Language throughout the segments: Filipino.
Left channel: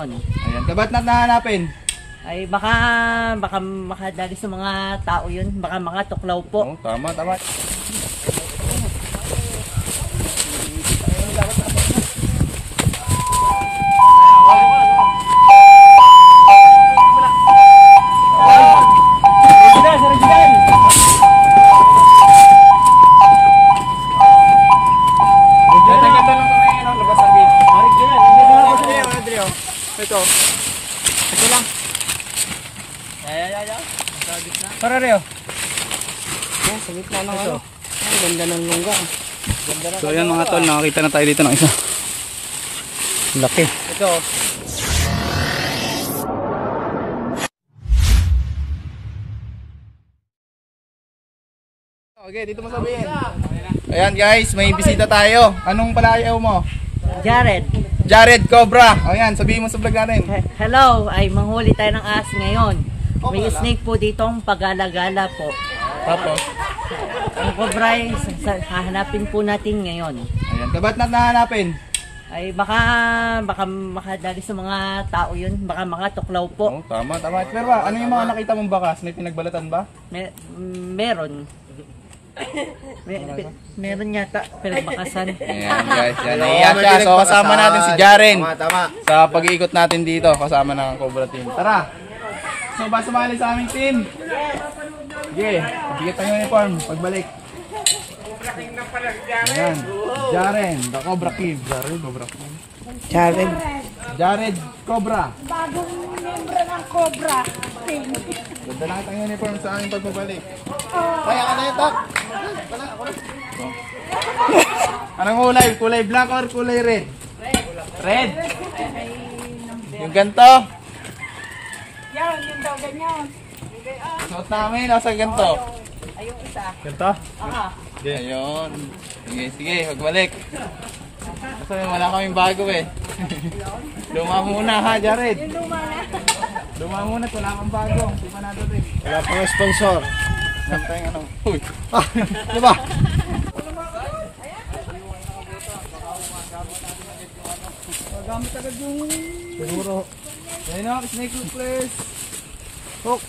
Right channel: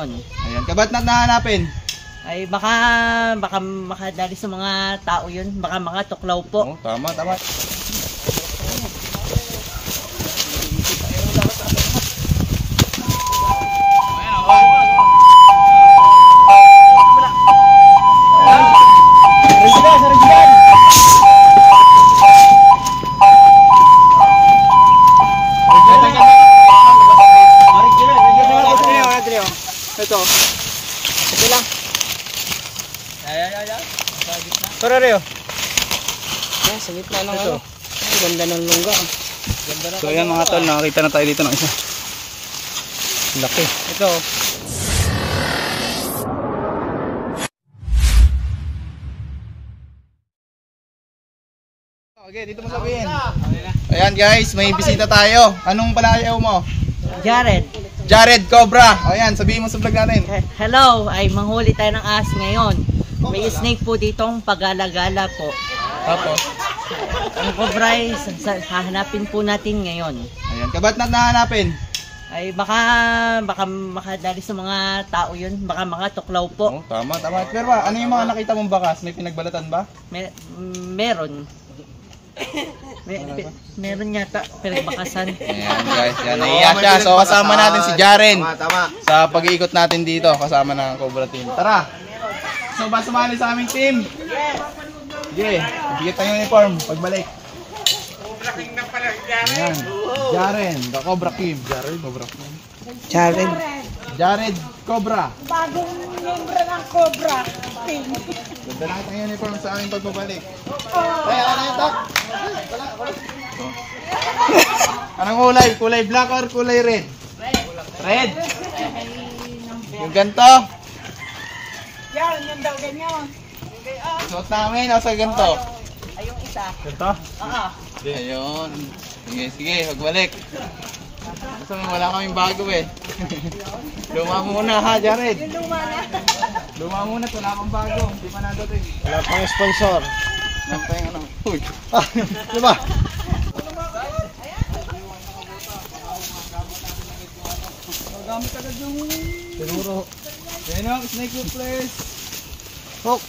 Ayan, kabat na nahanapin? Ay baka makadali sa mga tao yun, baka makatuklaw po. Oh, tama. Ito lang. Ayan. Tara Reo. Yan, sa gitna ng ano. Ang ganda ng lungga. So ayan mga tol, nakakita na tayo dito ng isa. Laki. Ito. Okay, dito mo sabihin. Ayan guys, may bisita tayo. Anong palayaw mo? Jared Cobra. Ayan, sabihin mo sa vlog natin. Hello, ay manghuli tayo ng ahas ngayon. May snake po ditong pag-alagala po. Tapos? Ang cobra ay hahanapin po natin ngayon. Ayan, kabat na nahanapin? Ay baka makadali sa mga tao yun, baka makatuklaw po. Oh, tama. Pero ano yung mga nakita mong bakas? May pinagbalatan ba? Meron. Meron yata pinagbakasan. Ayan guys, yan. Naiya siya. So kasama natin si Jaren. Tama. Sa pag-iikot natin dito, kasama ng Cobra team. Tara! So ba sumali sa aming team? Sige, bigyan tayo ng uniform. Pagbalik. Ayan. Jaren, the Cobra Team. Jared Cobra. Bagong membro ng Cobra Team. Ganda lang itang uniform sa aming pagbabalik. Kaya ano yung tak? Anong kulay? Kulay black or kulay red? Red. Yung ganito. Yan, yun daw ganyan. Suot namin, nasa ganito. Ayong isa. Ganito? Ayun. Sige, magbalik. Kasi wala kaming bago eh. Luma muna ha, Jared. Luma muna, wala kang bago. Di pa nadating. Wala pang sponsor. Nantay ano. Uy. Diba? Magamit agad yung... Siguro. Yan o, snake hook please. Hook.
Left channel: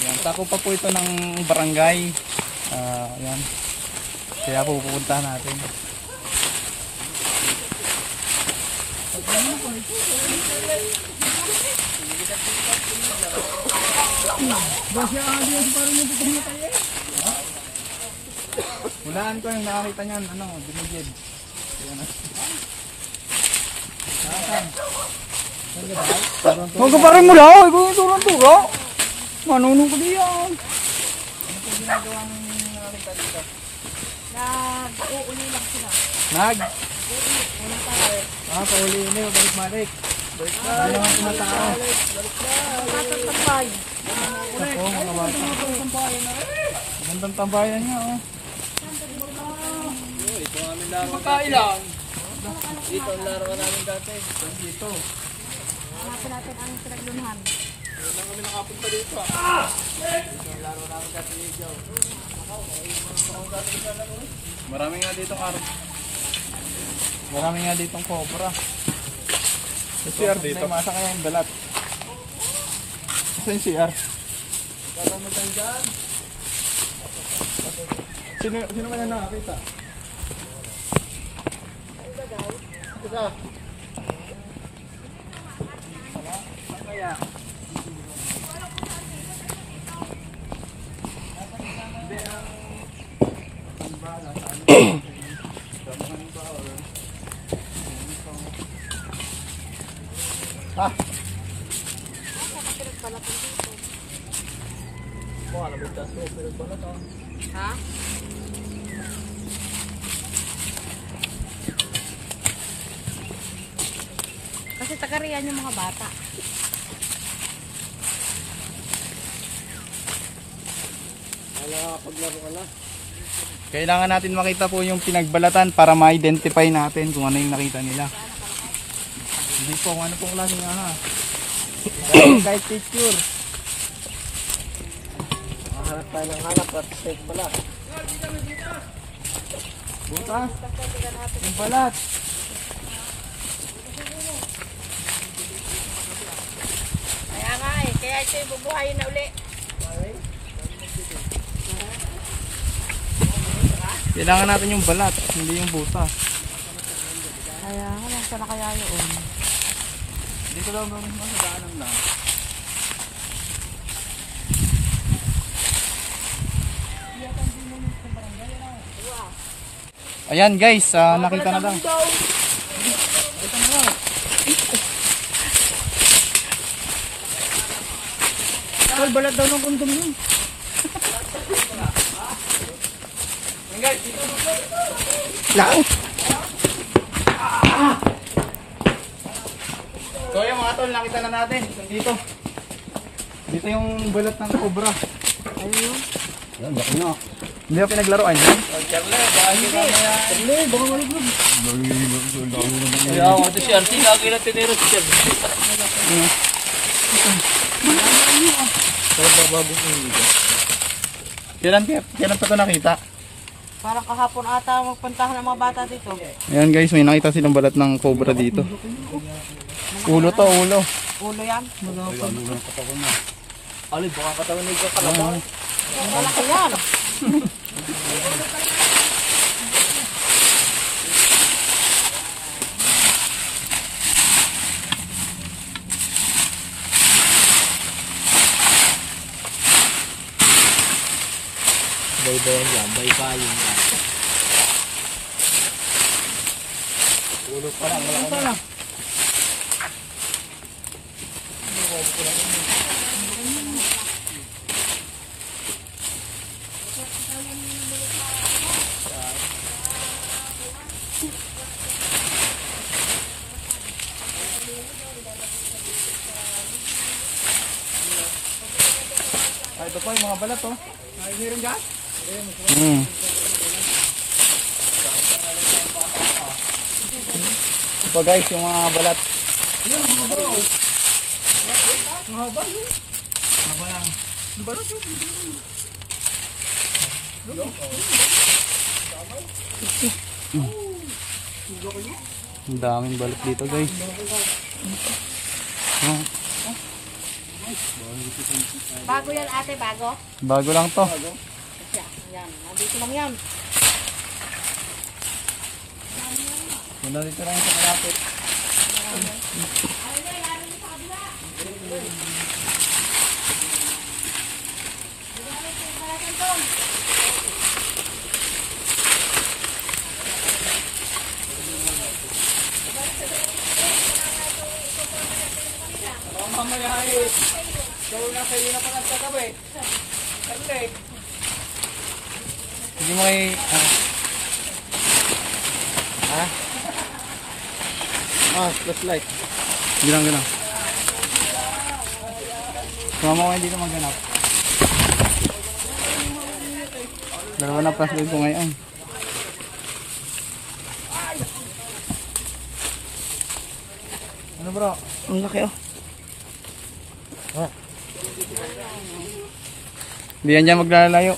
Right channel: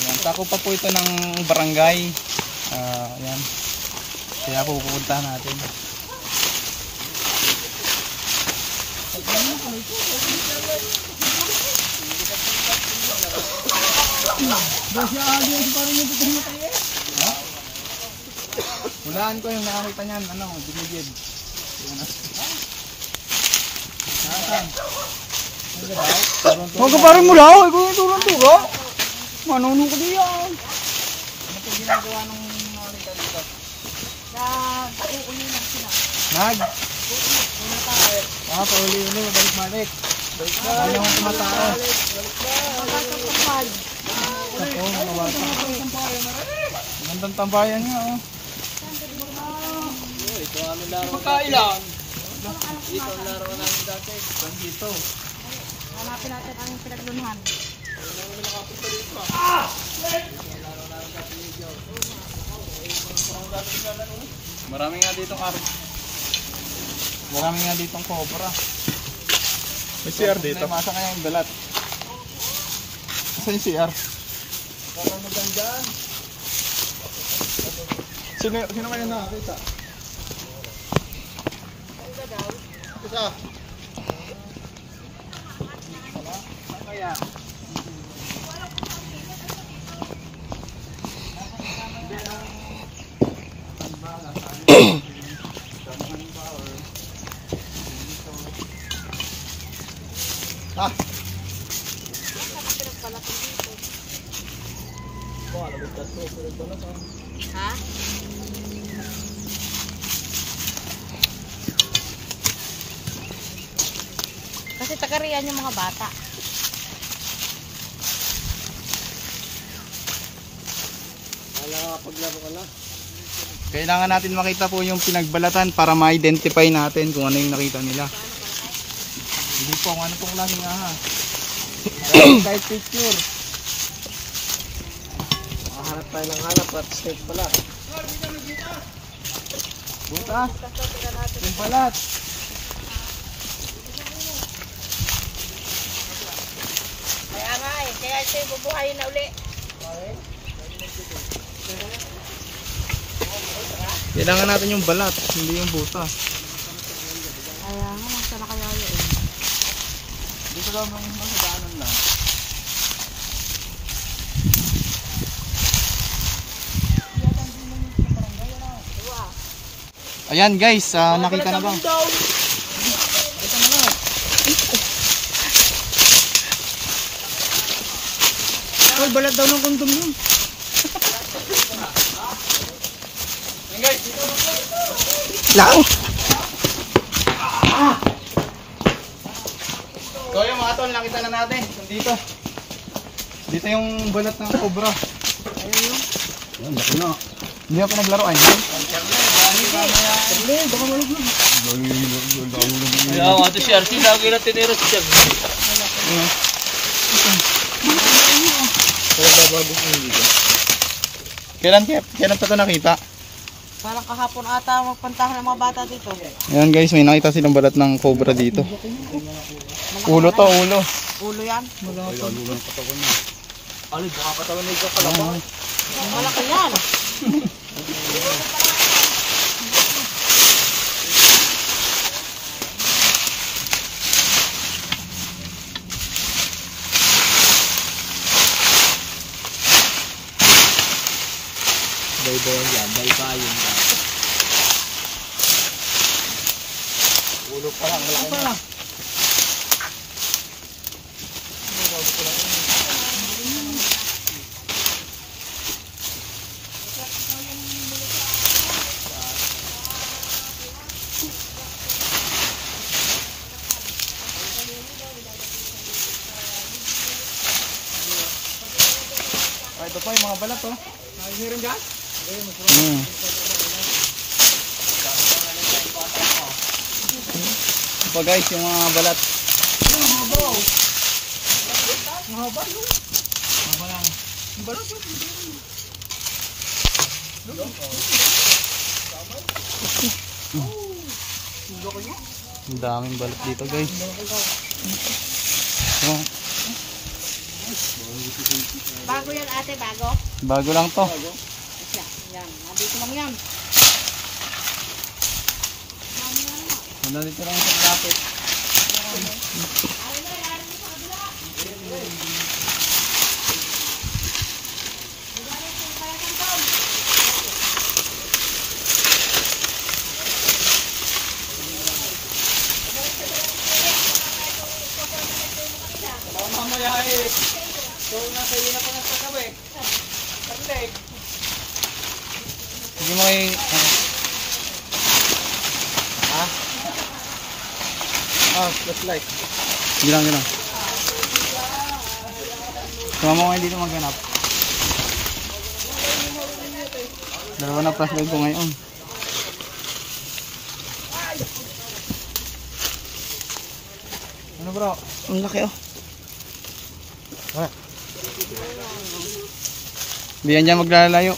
Ayan, tako pa po ito ng barangay. Ayan. Kaya po pupuntahan natin. Hulaan ko yung nakakita niyan, binigid. Nasaan? Magpaparin mo daw. Ikaw ito lang ito ha. Manunong ko diyan. Ano po ginagawa nung nakakita dito? Nag-uulinig sila. Una tayo. Pauli-uli, balik-balik. Hindi naman tumatao. Magkakapagpag. Ako, mga bata. Magandang tambayan nga, oh. Ito ang aming laro. Pagkailan? Dito ang laro namin dati. Dito. Hanapin natin anong pinaglunuhan. Ayun lang kami nakapunta dito, ah. Dito ang laro namin dati dito. Marami nga ditong araw. Marami nga ditong cobra. May CR dito. May masa kaya yung balat. Saan yung CR? Sino kaya nakakita? Isa. Saan kaya? Ha? Kasi takarian yung mga bata. Paglaro ka na. Kailangan natin makita po yung pinagbalatan para ma-identify natin kung ano yung nakita nila. Hindi po, ano pong klaseng aha. Kahit picture. Hanap tayo ng hanap at snake pala. Butas. Yung balat. Kaya nga eh, kaya ito yung bubuhayin na uli. Kailangan natin yung balat, hindi yung butas. Kaya nga, sana kaya yun. Dito lang sa daanan lang. Ayan guys, nakita na daw. Nakita na daw. Ay, balat daw ng kondom yun. Ayan guys, dito. Lao. So yung mga tol, nakita na natin. Dito. Dito yung balat ng cobra. Ayun yun. Yan, laki na. Hindi na pinaglaruan yun. Hindi, baka maligid. Kaya ako ito si RC, lagi na tinira si Chef. Kailan pa ito nakita? Parang kahapon ata magpuntahan ng mga bata dito. Ayan guys, may nakita silang balat ng cobra dito. Ulo to, ulo. Ulo yan. Alin, baka katawan nito sa laban. Malaki yan. Bay-bayan yan, bay-bayan yan. Ulo pa lang, malaki na. Ito po yung mga balat oh. Meron dyan? Ito guys, yung mga balat. Ang daming balat dito guys. Oh, Bago yan ate, bago. bago lang to. Yan, nandito lang yan. Dito lang sa malapit. Mamaya eh. So nasa iyo na pa lang sa gabi. Perfect. Sige mo kay flashlight. Sige lang, gano'n. Sumama ko kayo dito maghanap. Dalawa na flashlight ko ngayon. Ano bro? Ang laki oh. Hindi yan dyan maglalayo.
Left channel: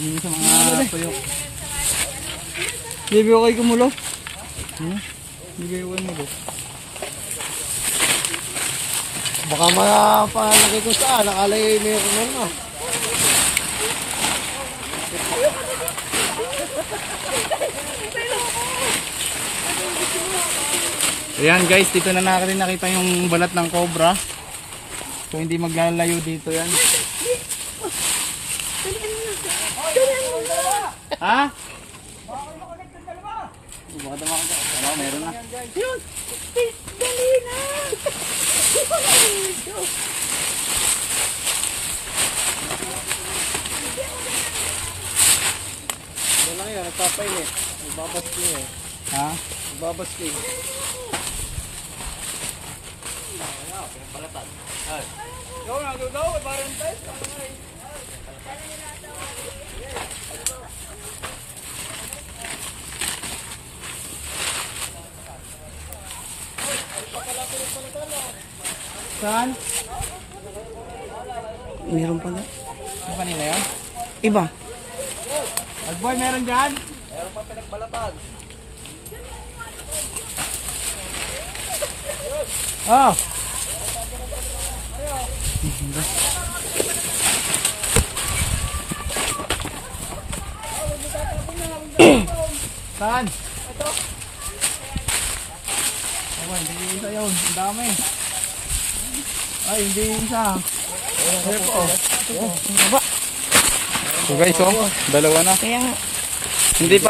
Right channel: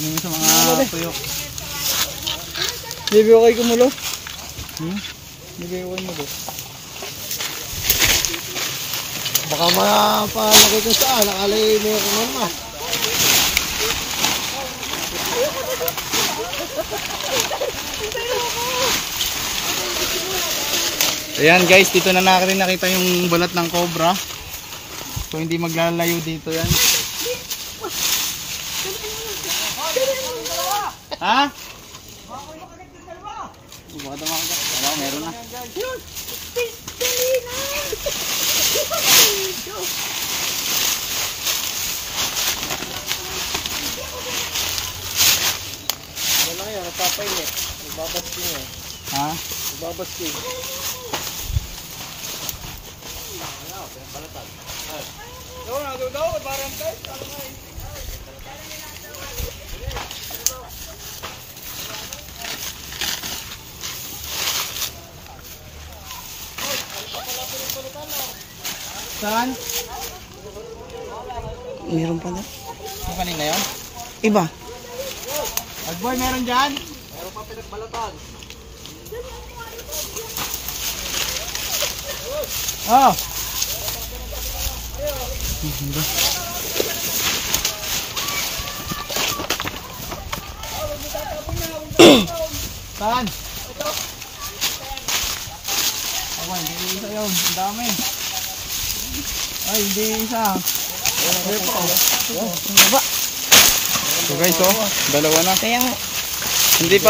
Hindi sa mga tuyok. Bibi okay kumulo. Bibi okay mo doon. Baka mga palaki ko saan. Nakalay meron mo. Ayan guys, dito na nakita yung balat ng cobra. So hindi maglalayo dito yan. Ha? Baka tumakot. Wala, meron na. Wala yan, nagpapainit. Ibabasting eh. Ha? Ibabasting. Saan? Meron pa na. Yung kanina yan? Iba. Agboy, meron dyan? Meron pa pinagbalatan. Ah! Saan? Ako, hindi isa yun. Ang dami. Ay, hindi isa. So guys, oh, dalawa na. Kaya nga. Hindi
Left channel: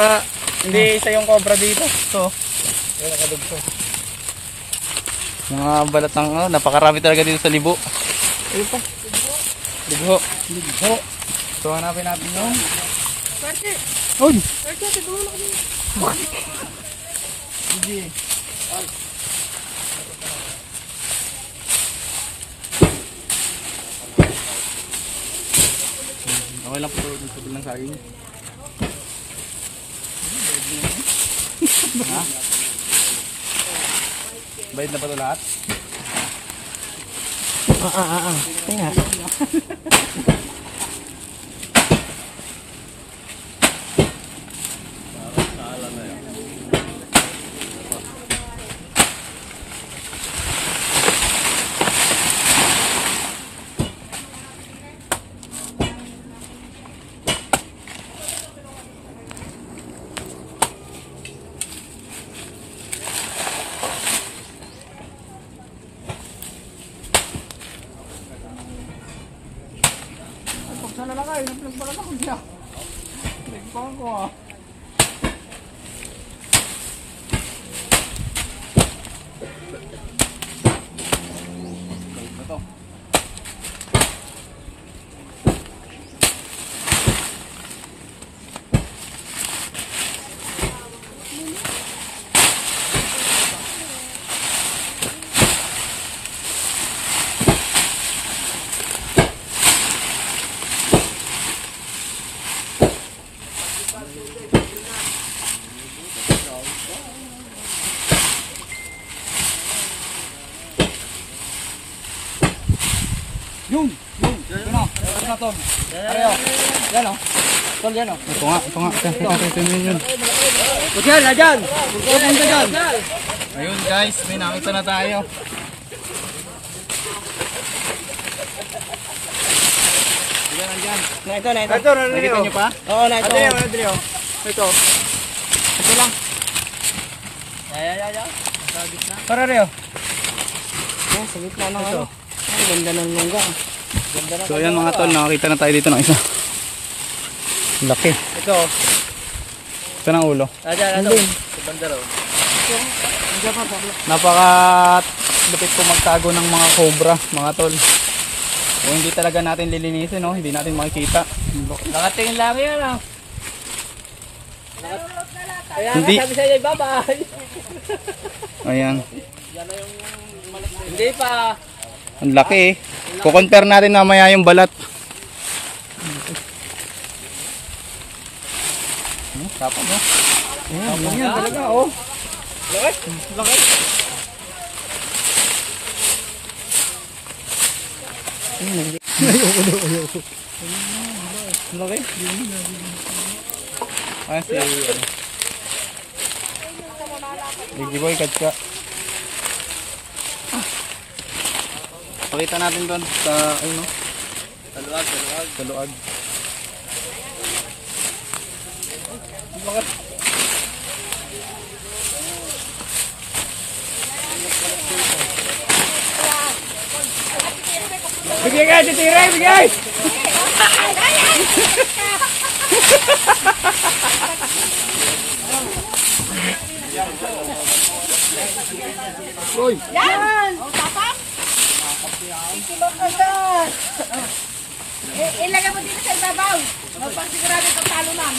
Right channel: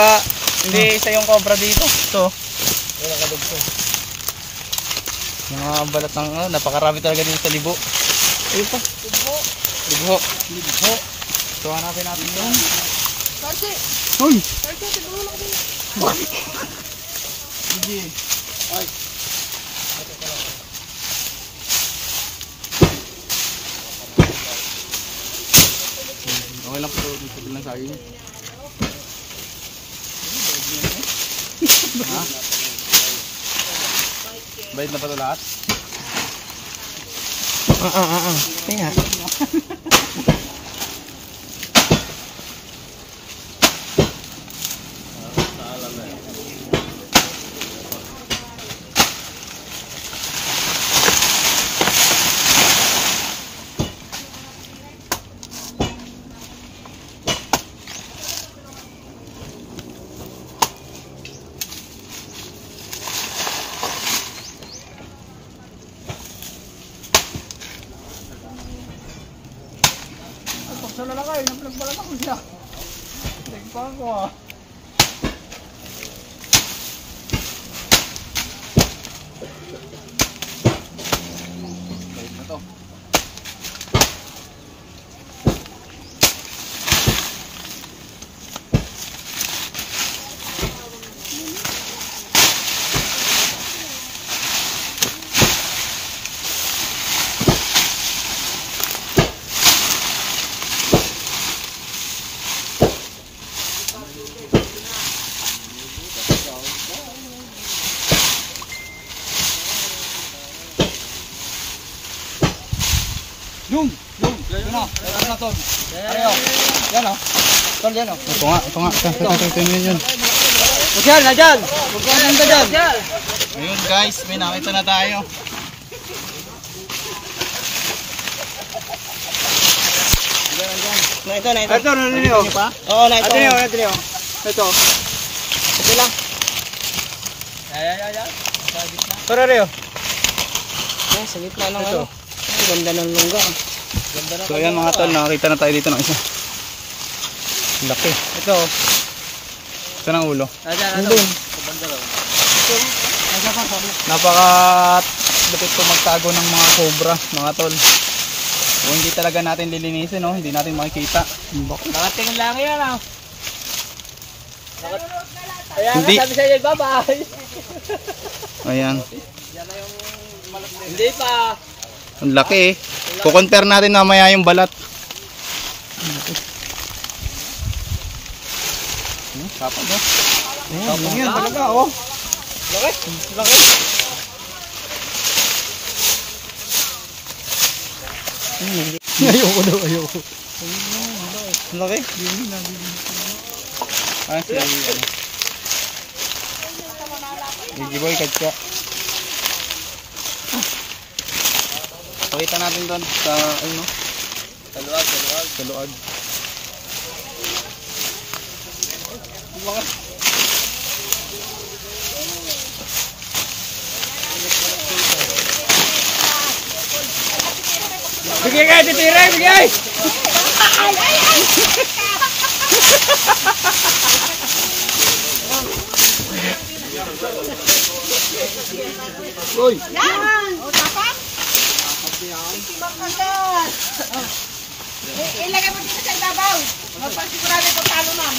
isa yung cobra dito. So, mga balat ng napakarami talaga dito sa libo. Ayun pa. Libo. So, hanapin natin yun. Uy! Sige. Okay lang pero dito bilang saging. Ha? Bayad na pa ito lahat? Kaya. Sana lang kayo, napagbalan ako siya. Nagpang ko ah. Balik na to. Yung, yun na, tapos na tol. Pareho, yan o. Tol, yan o. Ito nga, ito yun. Diyan, na dyan. Diyan ka dyan. Ayun guys, may nakita na tayo. Na ito. Ito, narinig Nakita nyo pa? Oo, na ito. Ito. Ito lang. Para rin. Yan, sa gitna ng ano. Ay, ganda ng lungga. So ayan mga tol, nakakita na tayo dito ng isa. Laki. Ito. Ito ng ulo. Nandun. Napaka lupit po magtago ng mga cobra, mga tol. O hindi talaga natin lilinisin, no? Hindi natin makikita. Nakatingin lang yan ah. Kaya Hindi. sabi sa'yo, bye-bye. Ayan. Hindi pa. Ang laki eh. Kukompare natin mamaya yung balat. Tapos eh. Tapos yan talaga oh. Laki. Laki. Ayoko. Laki. Ah, si ano. Gigiboy katsa. Pakita natin doon sa ano. Sa luag. Bigay ka, titira, bigay! Uy! Yan! O, tapang? Itibak na to. Ilagay mo dito sa ibabaw. Magpagsigurado ito talo man.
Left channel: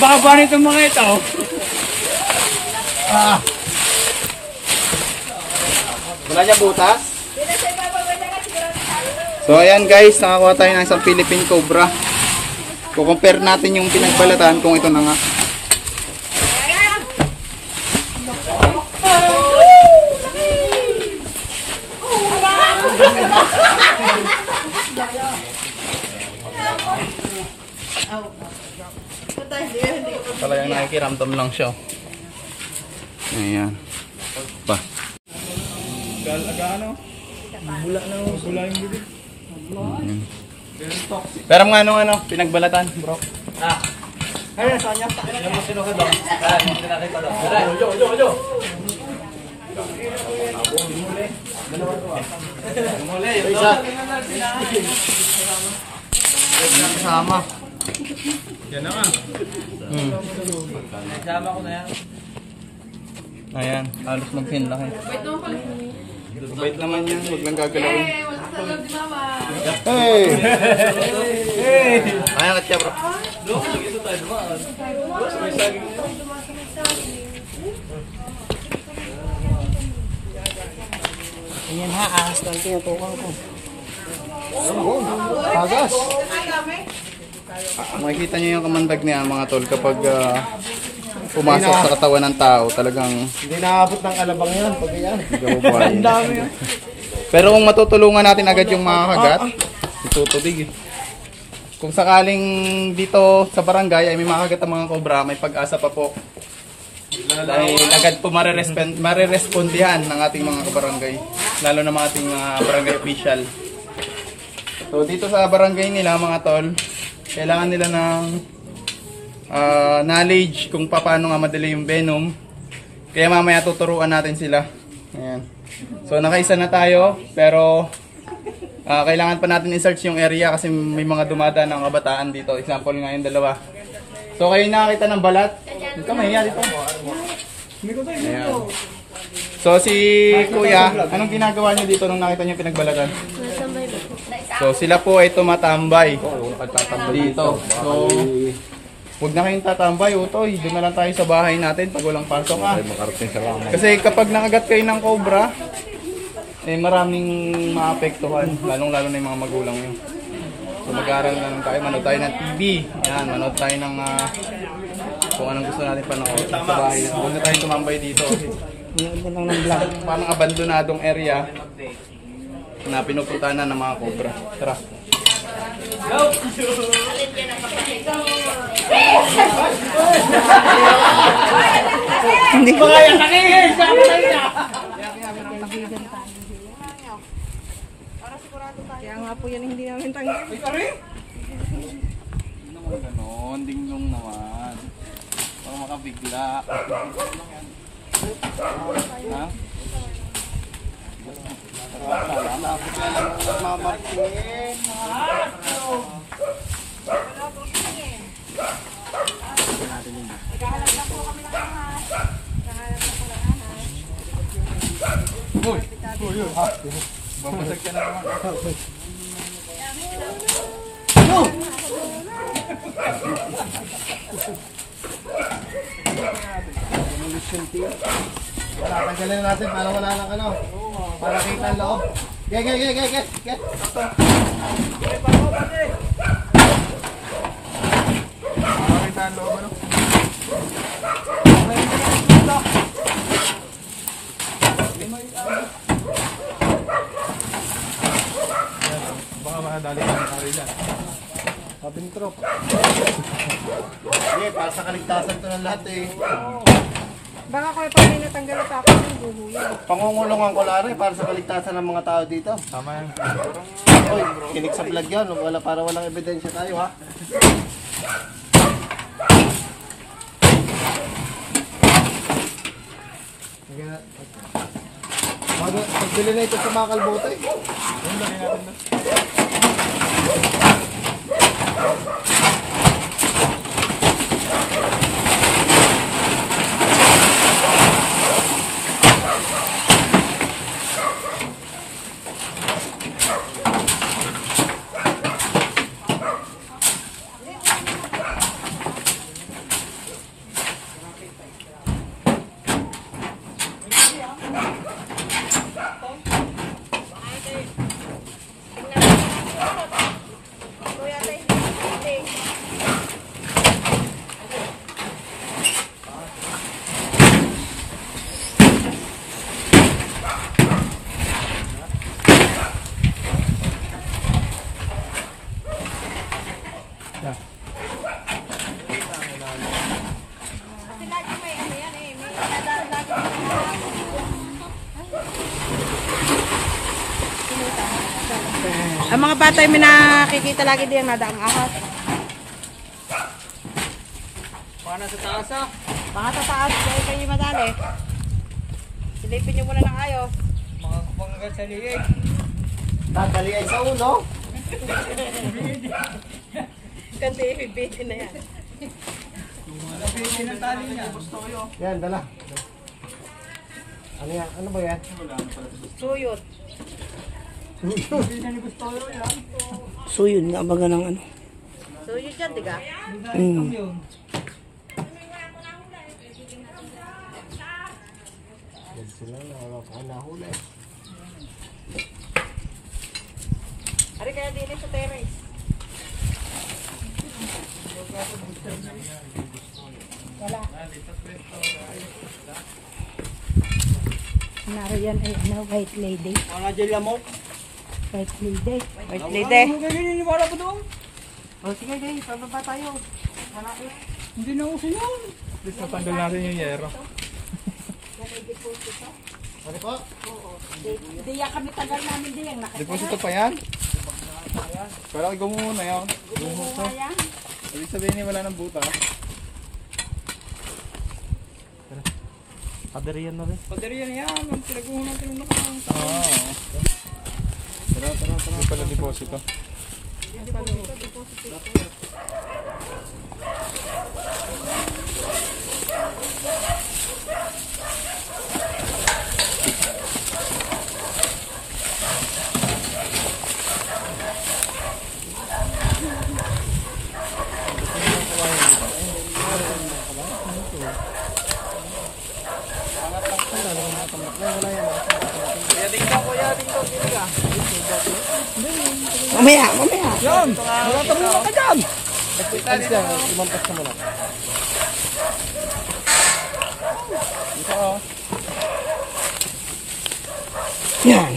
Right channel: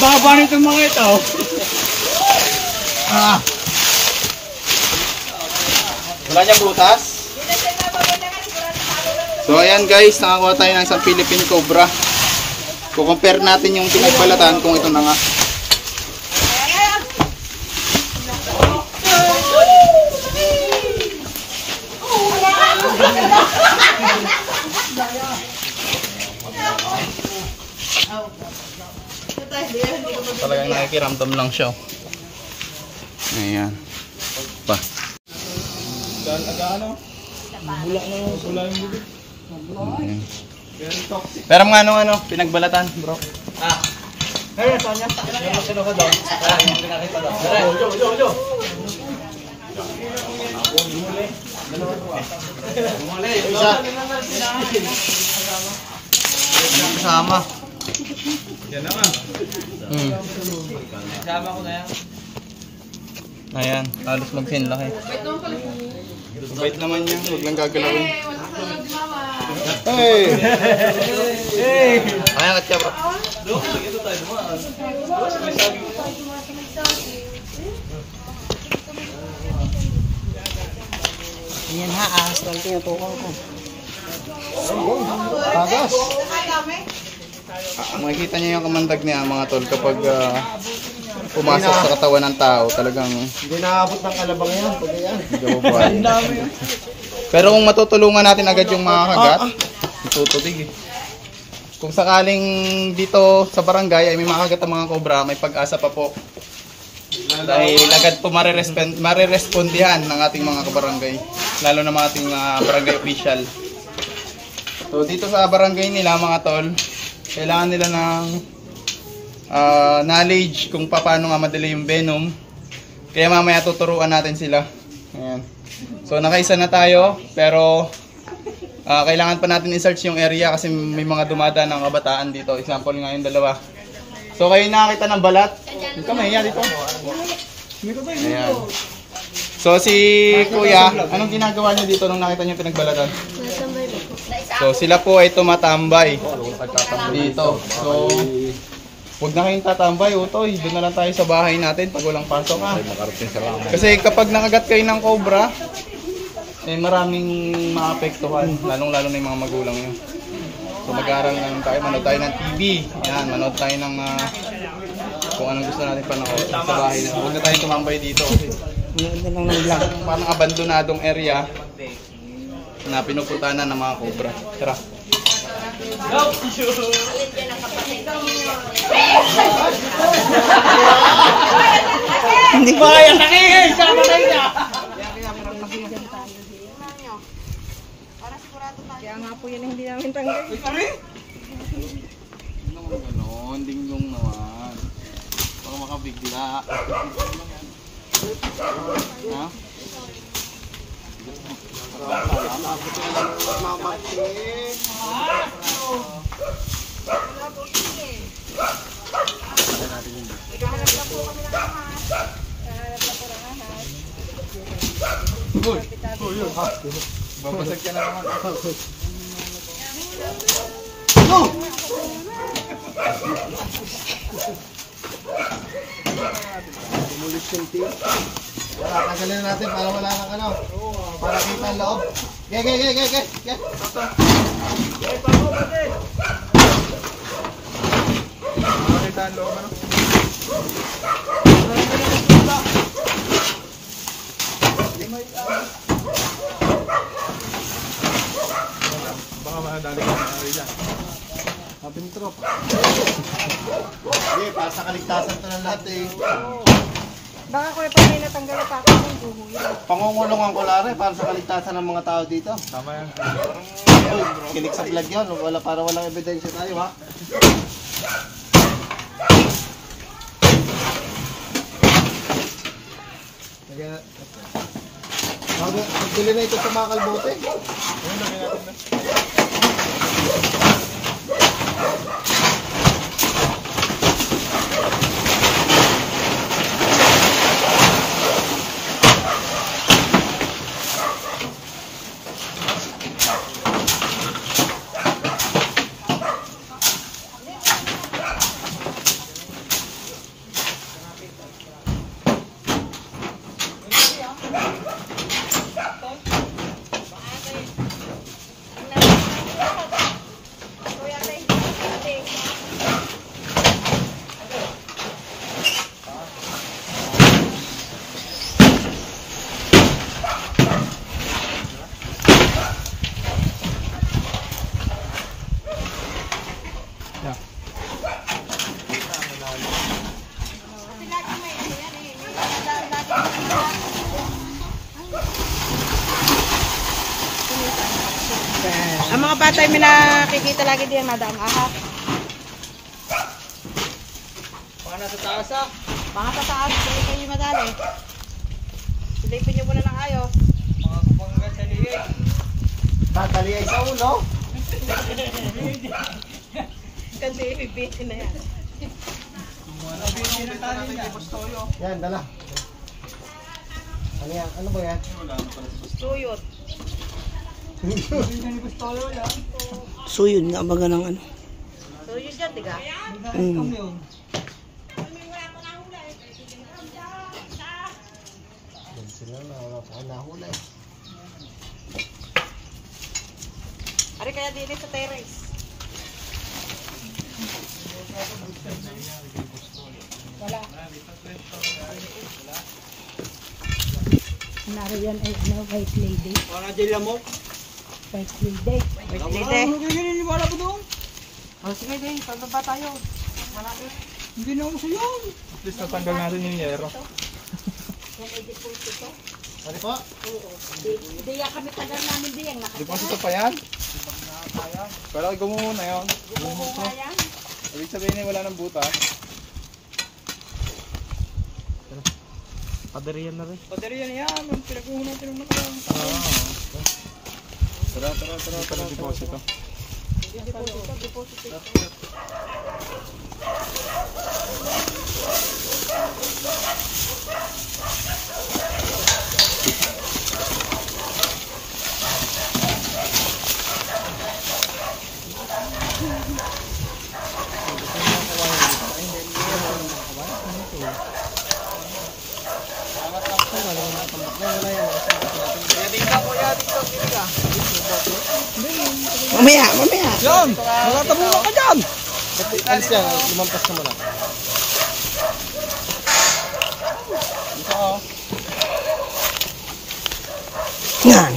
Baba nito mga ito. Wala niya butas? Dito sa ibabaw, ilagay sigurado talo man. So ayan guys, nakakuha tayo ng isang Philippine Cobra. Kukompare natin yung pinagbalatan kung ito na nga. pakiramdam lang siya. Ayan. Pa. Ano? Bubula na yung bibig. Pero nga ano, pinagbalatan, bro. Ayun, Sonya. Sama. Yan na. Sama ko na yan. Ayan, halos mag-10 Bait naman yun, huwag lang gagalawin. Hey! Ayan, katya bro. Ayan ha, ahas lang tinutukan ko. Agas. Makikita niyo yung kamandag niya mga tol kapag pumasok sa katawan ng tao, talagang Hindi nakabot ng kalabang yun. Pag yan. pero kung matutulungan natin agad yung mga kagat, itutubig. Kung sakaling dito sa barangay ay may makagat ang mga kobra, may pag-asa pa po. Dahil agad po marirespondihan ng ating mga kabarangay, lalo na mga ating barangay official. So dito sa barangay nila mga tol, kailangan nila ng knowledge kung paano nga madali yung venom. Kaya mamaya tuturuan natin sila. Ayan. So nakaisa na tayo, pero kailangan pa natin i-search yung area kasi may mga dumadaan ng kabataan dito. Example nga yung dalawa. So kayo nakakita ng balat? Dito na dito. Ayan. So si Kuya, anong ginagawa niyo dito nung nakita niyo pinagbalatan? So sila po ay tumatambay dito. So huwag na kayong tatambay, utoy. Doon na lang tayo sa bahay natin pag walang pasok Kasi kapag nakagat kayo ng cobra, eh maraming maapektuhan, lalong-lalo na yung mga magulang nyo. So mag-aaral na lang tayo, manood tayo ng TV. Yan, manood tayo ng kung anong gusto natin panood sa bahay na. Huwag na tayong tumambay dito kasi parang abandonadong area na pinupuntahan na ng mga cobra. Tara. Hindi ko kaya takihin! Sama tayo niya! Kaya nga po yan hindi namin tanggal. Ano naman ganon? Dinglong naman. Baka makabigla. Ha? Babasag ka na naman. Tanggalin na natin para wala lang ano. Para kita ang loob. Ge. Baka makadali ka na rin. Sabing trop. Sige, para sa kaligtasan to ng lahat eh. Baka ko pag may natanggal at ako ng buho yan. Pangungulungan ko lari para sa kaligtasan ng mga tao dito. Tama yan. Uy, kinig sa vlog yan. Wala, para walang ebidensya tayo ha. Magbili na ito sa mga kalbote. tayo may nakikita lagi diyan na daang ahas. Paano sa taas ah? Mga tataas, kaya kayo madali. Silipin nyo muna ng ayos. Mga kapanggat sa liig. Tatali ay sa ulo. Kanti ibibitin na yan. Yan, dala. Ano yan? Ano ba yan? Suyot. Suyod nga baga ng ano. Suyot dyan, diga? Yan sila na wala pa nahuli. Ari kaya dili sa terrace. Narayan ay ano, white lady. Mga dyan mo? White lady. Wait, lite. Naniniwala ko doon. O sige, Day, pababa tayo. Malapit. Hindi na uso yun. Please natanggal natin yung yero. Yan ay deposito. Ano pa? Hindi yan kami tagal namin din. Deposito pa yan? Pero ay gumo muna yun. Gumo ko. Ibig sabihin niya wala ng buta. Paderian na rin. Paderian yan. Ang pinag-uho natin yung nakarang. Tara. Ito na deposito. Mamaya. Yan! Malatabo ka dyan! Alis yan, imantas ka muna. Dito oh. Yan.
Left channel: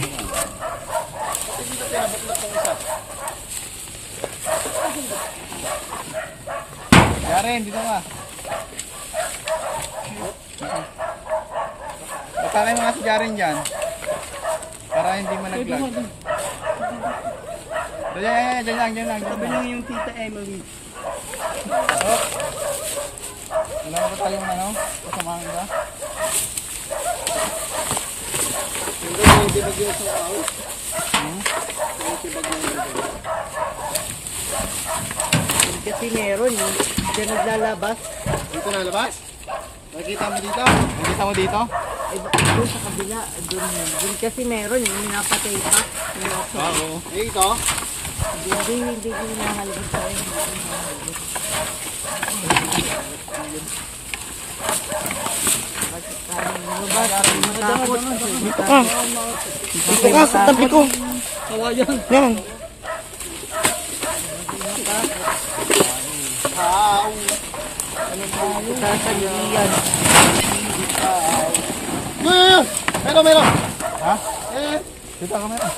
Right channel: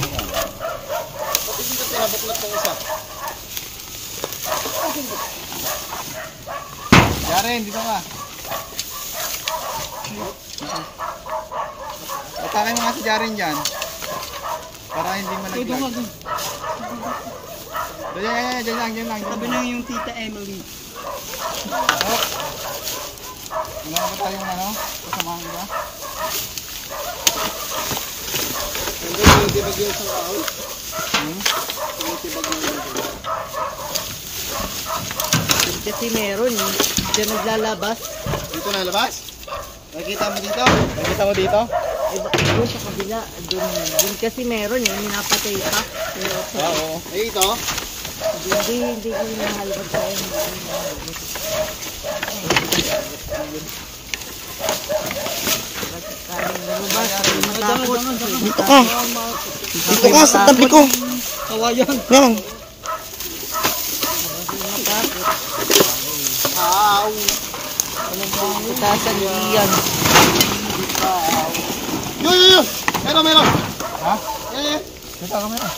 Jaren, dito ka. Atake mo nga si Jaren dyan. Para hindi mo nag-vlog. Diyan lang. Sabi nang yung tita Emily. Ano na ba tayong ano? Kasamahan ka? Hindi, hindi bagyo sa ay. Kasi meron, dyan naglalabas. Dito na labas? Nakikita mo dito? Nakikita mo dito? Ay, doon sa kabila, doon kasi meron, yung mga patay pa. Oo. Ay, ito? Hindi nahalagad sa parang lumabas, matakot. Dito ka. Dito ka sa tabi ko. Kawayan. Yan. Wow! Sasaluhin yan. Yun! Meron! Ha? Eh! Dito ka meron.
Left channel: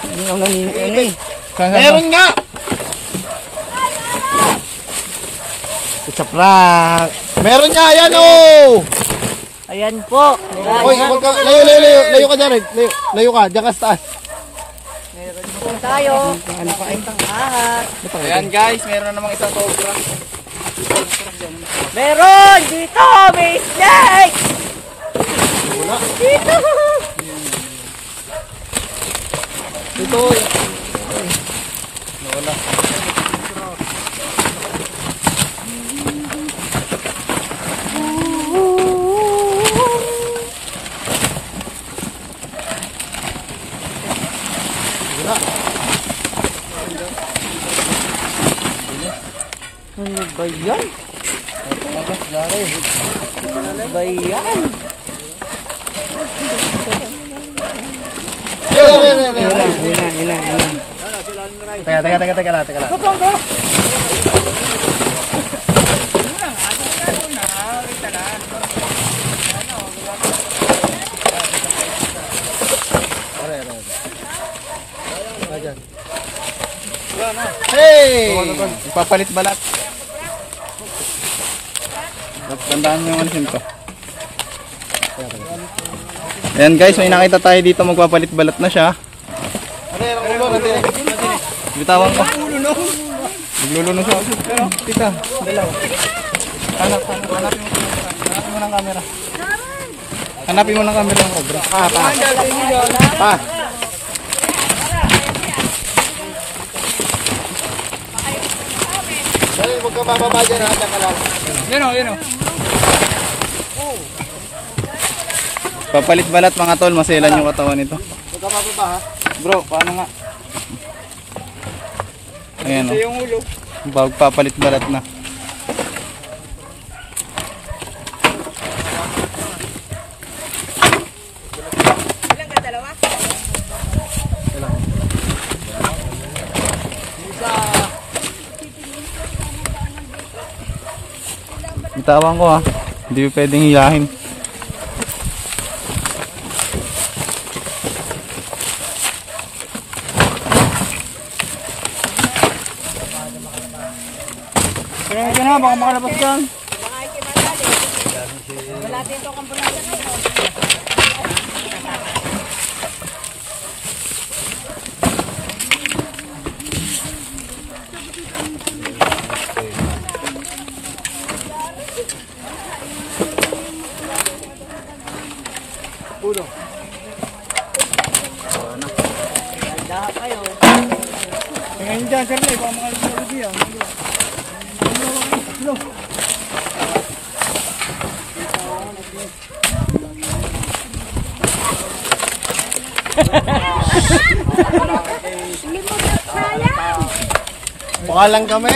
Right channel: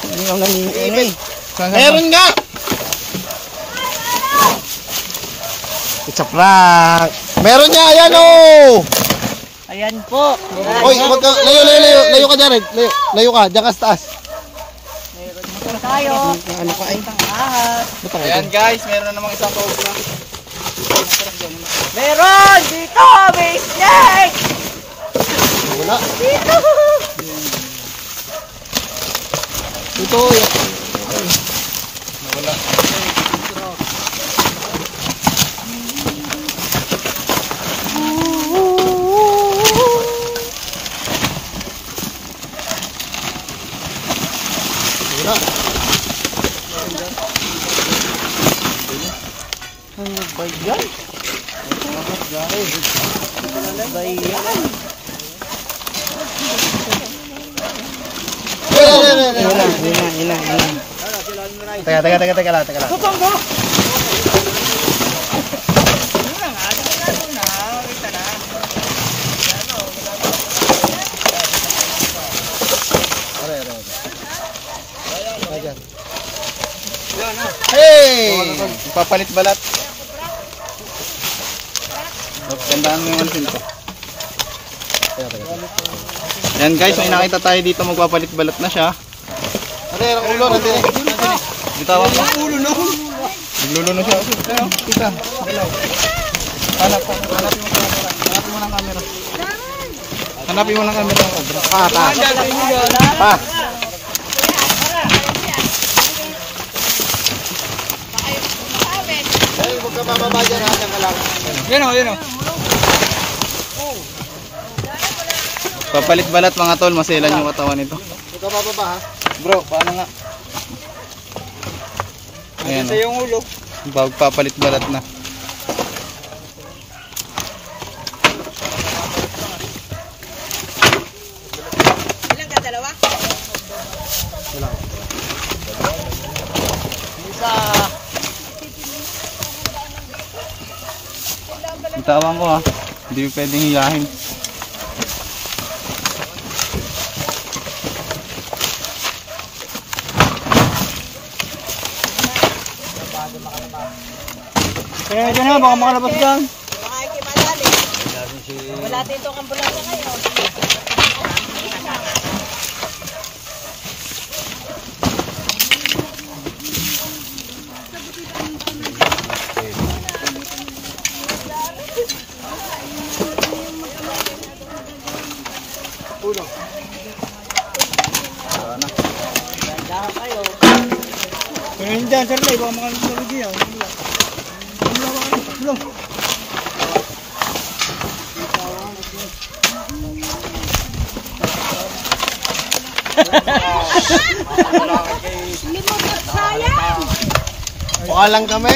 Hindi ako naniniwala eh. Meron nga! It's a prank! Meron nga! Ayan oh! Ayan po. Oy, wag ka, layo ka dyan, layo ka, dyan ka sa taas. Tayo. Ano ka ay? Ayan guys, meron na namang isang cobra. Meron! Dito! May snake! Wala. Dito! Ito. Ano ba yan? Ano ba yan? Yan na. Teka lang. Hey! Ipapalit balat. Tandaan mo yung alisin ka. Ayan guys, may nakita tayo dito magpapalit balat na siya. Ano yan? Ulo, nandiyan eh. Bitawan mo. Nagluluno siya. Tita, dalaw. Hanapin mo ng camera. Hanapin mo ng camera yung obra. Pa. Dahil huwag ka bababa dyan ha, taka lang. Yun o. Papalit balat mga tol, maselan yung katawan nito. Huwag ka bababa ha. Bro, paano nga? Ayan o. Yung ulo. Papalit balat na. Ilan ka, dalawa? Bitawan ko ha. Hindi pwedeng hilahin. Kaya ka na, baka makalabas dyan. Wala dito ang ambulansya ngayon. Kaya hindi dyan, Charlie, baka makalabas dyan. Baka lang kami.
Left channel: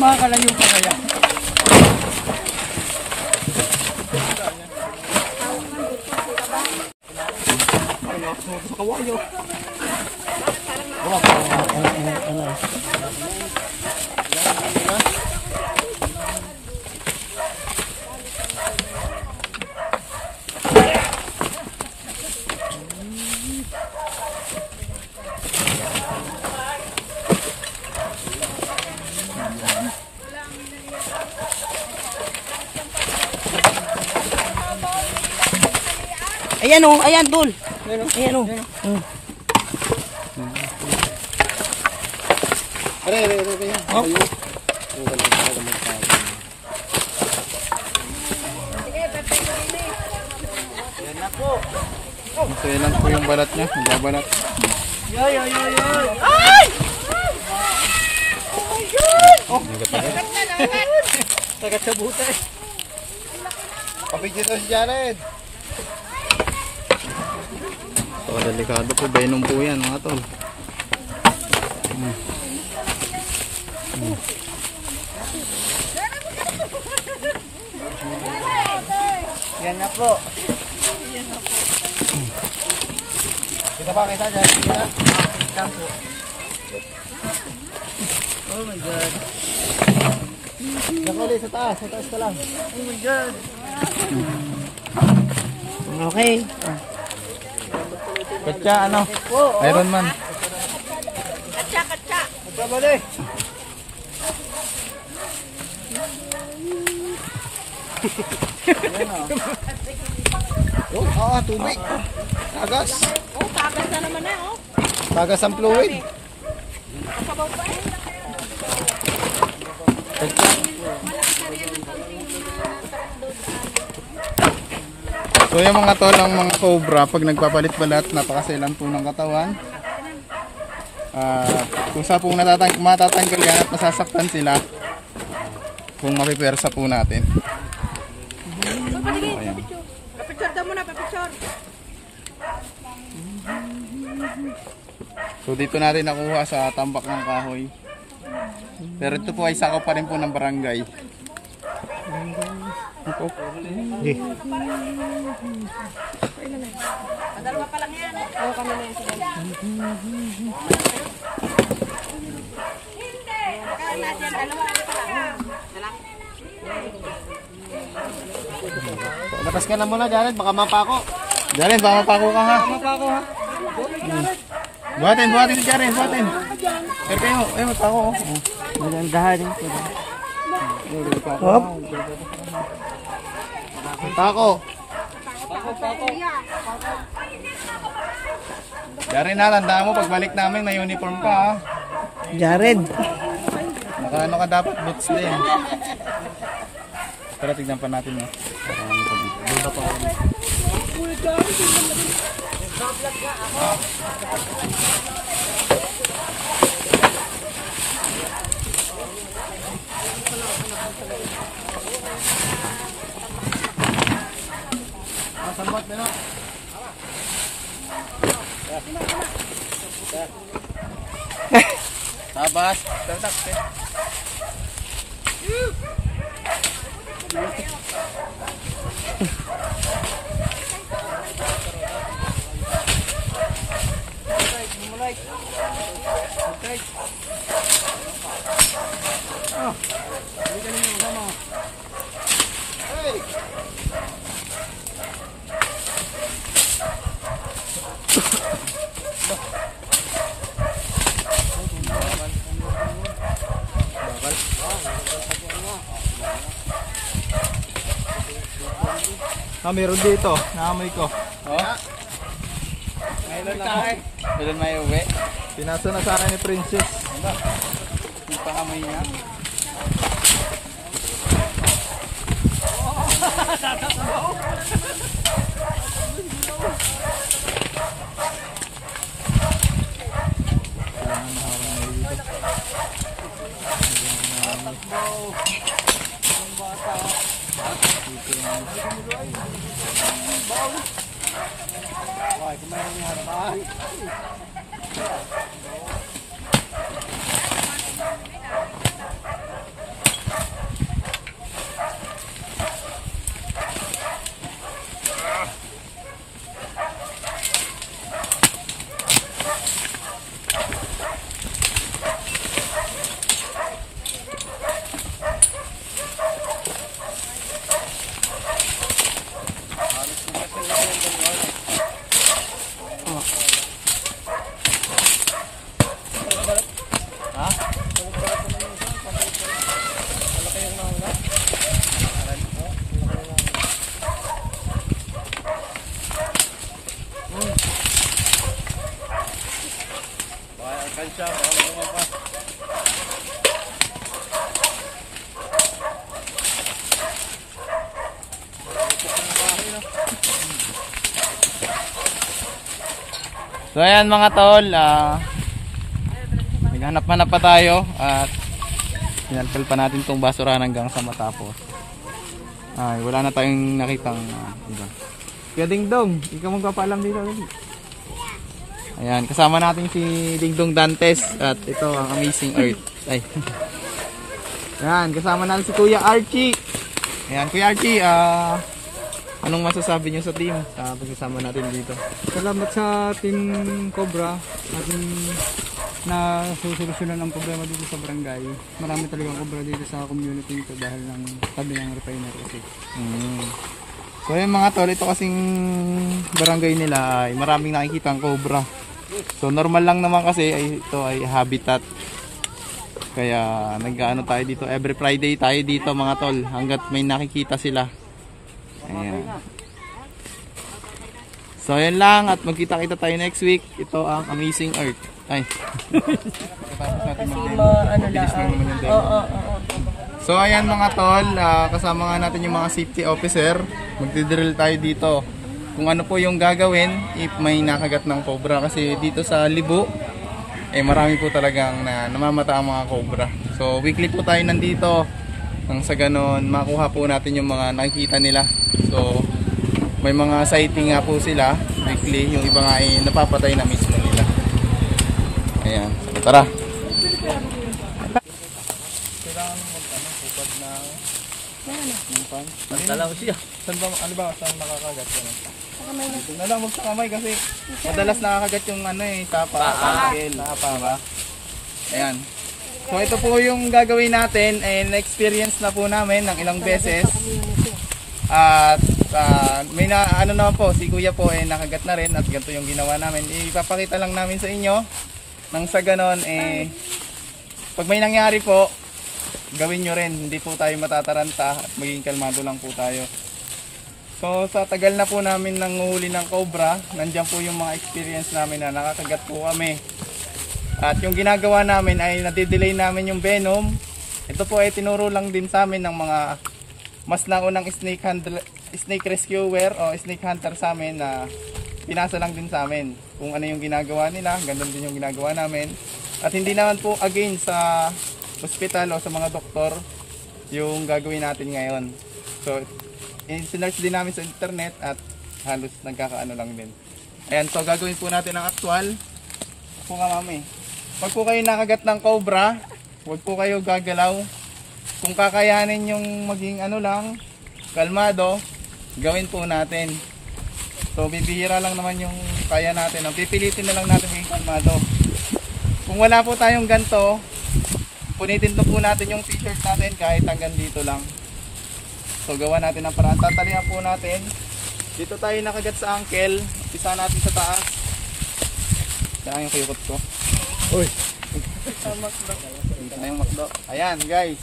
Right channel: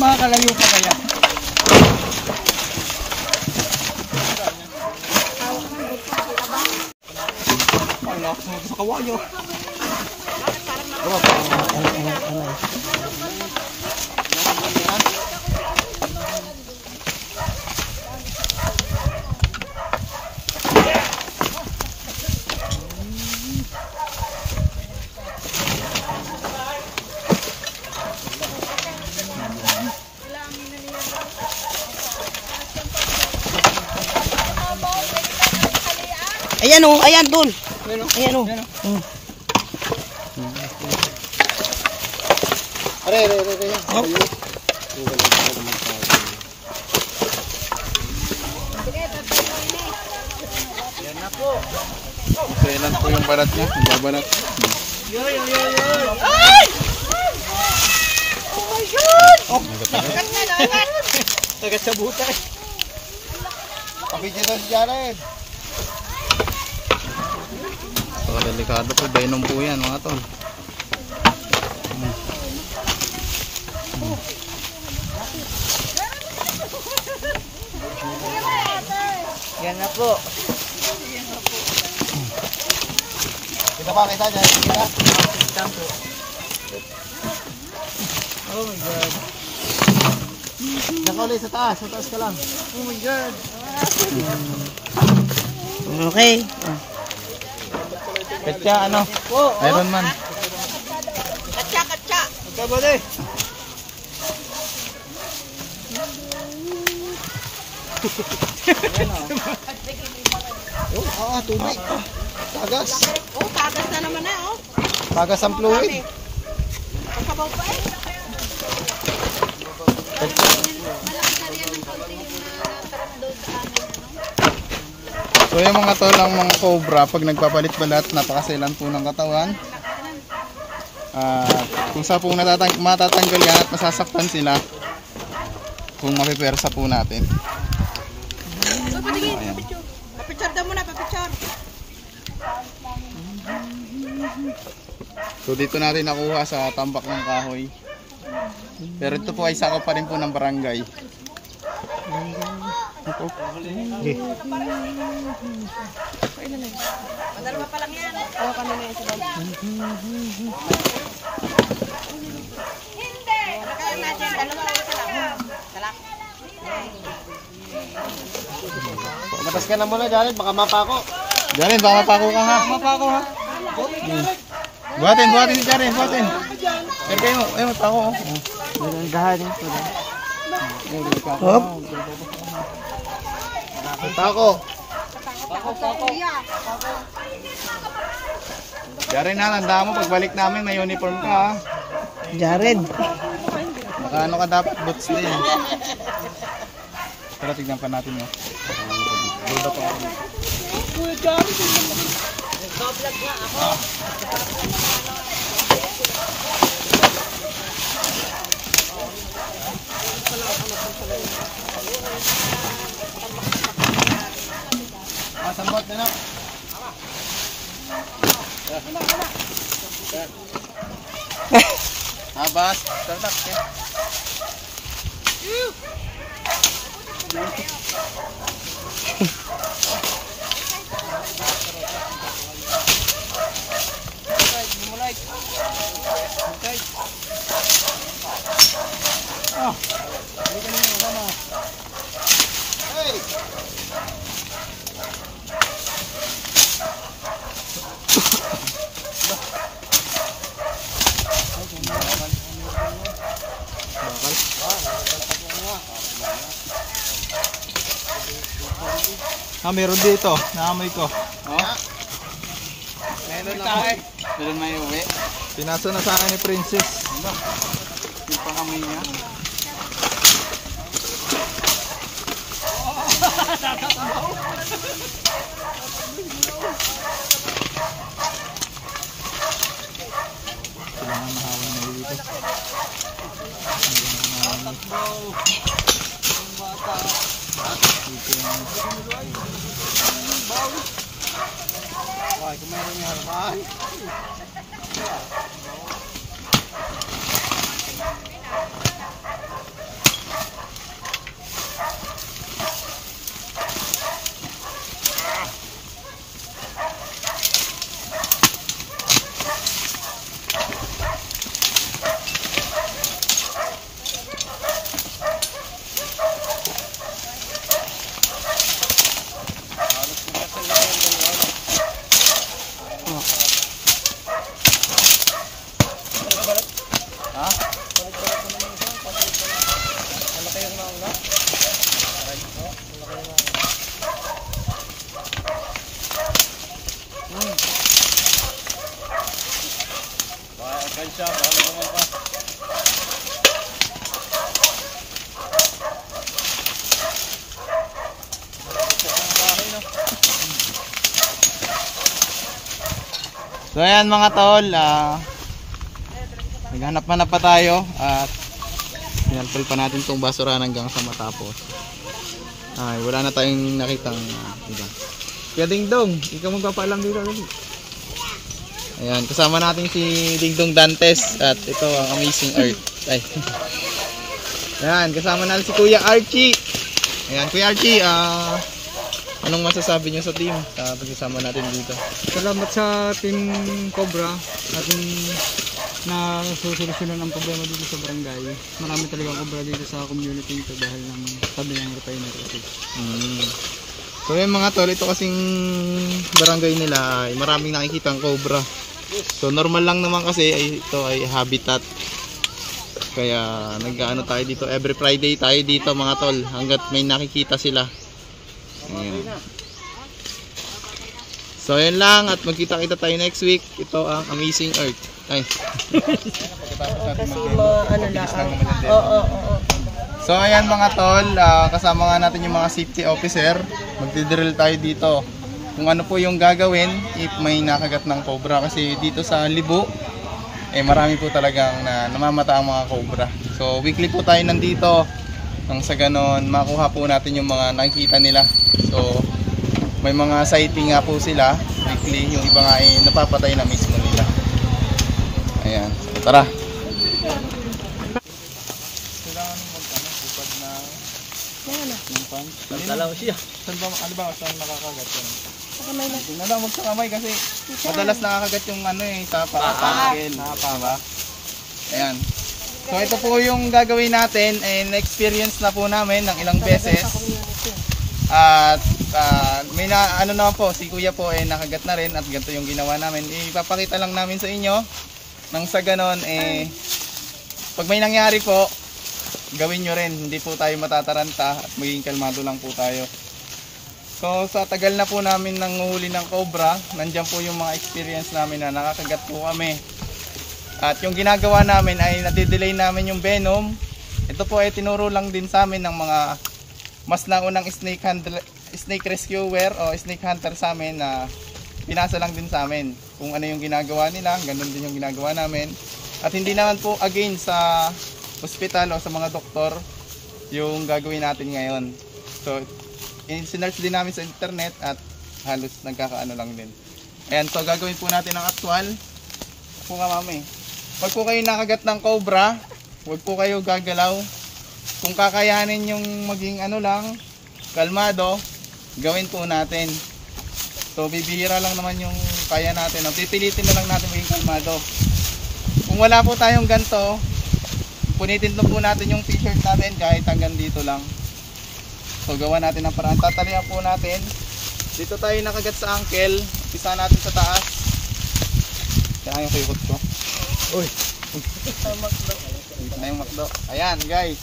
Makakalayo pa kaya? Sa kawayo. Ayan o, ayan dul. Ayan o. Are. Maselan po yung balat niya. Magbabalat. Tagat sa butay. Kapit dito si Jared. Delikado po, venom po yan mga tol. Yan nga po. Kita pa kita dyan. Kita. Oh my God. Diyan ka ulit sa taas. Sa taas ka lang. Oh my God. Okay. Katya ano? Iron Man. Katsa. Kabali. Tubig. Tagas. Oh, tagas na naman na, oh. Tagas ang fluid. Kasabaw pa eh. So yung mga tol, ang mga cobra, pag nagpapalit balat, napakaselan po ng katawan. Kung sa po matatanggal yan at masasaktan sila, kung mapipersa po natin. Ayan. Papicture daw muna, papicture. So dito natin nakuha sa tambak ng kahoy. Pero ito po ay sakop pa rin po ng barangay. Ito. Padalwa pa lang yan. Oo, kami na yung sabay. Hindi! Kaya natin, dalawa lang. Dala. Labas ka na muna, Jared. Baka mapako. Jaren, baka mapako ka ha. Buhatin si Jaren, buhatin. Pero kayo, mapako. Dahan-dahan. Hop. Tako. Jared na, tandaan mo pagbalik namin may uniform ka ha. Jared. Naka ano ka dapat, boots din. Pero tignan pa natin mo. Sambot na. Tabas, tatak. Meron dito. Naamoy ko. Oh. Meron ako. Meron may uwi. Pinasa na sa akin ni Princess. Hindi pa kamay niya. Kansya, baka naman pa. So ayan mga tol, naghanap-hanap pa tayo at pinalpal pa natin itong basura hanggang sa matapos. Ay, wala na tayong nakitang iba. Kaya Dingdong, ikaw magpapaalam dito ulit. Ayan, kasama natin si Dingdong Dantes at ito ang Amazing Earth. Ay. Ayan, kasama natin si Kuya Archie. Ayan, Kuya Archie, anong masasabi niyo sa team sa pagsasama natin dito? Salamat sa Team Cobra at na susolusyonan ang problema dito sa barangay. Marami talagang cobra dito sa community ito dahil ng tabi ng refinery. So ayan mga tol, ito kasing barangay nila ay maraming nakikita ang cobra. So normal lang naman kasi ito ay habitat. Kaya nag-ano tayo dito, every Friday tayo dito mga tol hanggat may nakikita sila. Ayan. So ayan lang at magkita-kita tayo next week. Ito ang Amazing Earth. Ay. Kasi ano lang. Oo. So ayan mga tol, kasama nga natin yung mga safety officer. Magdidrill tayo dito kung ano po yung gagawin if may nakagat ng cobra kasi dito sa Libo marami po talagang namamata ang mga cobra. So weekly po tayo nandito nang sa ganon makuha po natin yung mga nakikita nila. So may mga sighting nga po sila weekly, yung iba nga ay napapatay na mismo nila. Ayan, so tara. Alam siya. Ano ba saan nakakagat ko? Sa kamay na. Tingnan lang sa kamay kasi madalas nakakagat yung tapa, tangkel, diba? Ayan. So ito po yung gagawin natin na-experience na po namin ng ilang beses. At may ano naman po, si Kuya po nakagat na rin at ganito yung ginawa namin. Ipapakita lang namin sa inyo nang sa ganon pag may nangyari po gawin nyo rin, hindi po tayo matataranta at maging kalmado lang po tayo. So sa tagal na po namin nanguhuli ng cobra, nandiyan po yung mga experience namin na nakakagat po kami. At yung ginagawa namin ay nadidelay namin yung venom. Ito po ay tinuro lang din sa amin ng mga mas naunang snake rescuer o snake hunter sa amin na pinasa lang din sa amin kung ano yung ginagawa nila, ganun din yung ginagawa namin. At hindi naman po again sa hospital o sa mga doktor yung gagawin natin ngayon. So sinearch din namin sa internet at halos nagkakaano lang din. Ayan, so gagawin po natin ang actual. Po nga mami. Pag po kayo nakagat ng cobra, huwag po kayo gagalaw. Kung kakayanin yung maging ano lang, kalmado, gawin po natin. So bibihira lang naman yung kaya natin. Ang pipilitin na lang natin maging kalmado. Kung wala po tayong ganito, punitin po natin yung t-shirt natin kahit hanggang dito lang. So gawa natin ang paraan. Tatalihan po natin. Dito tayo nakagat sa ankle. Umpisa natin sa taas. Kaya yung kuyukot ko. Uy! Tayong makdo. Ayan guys.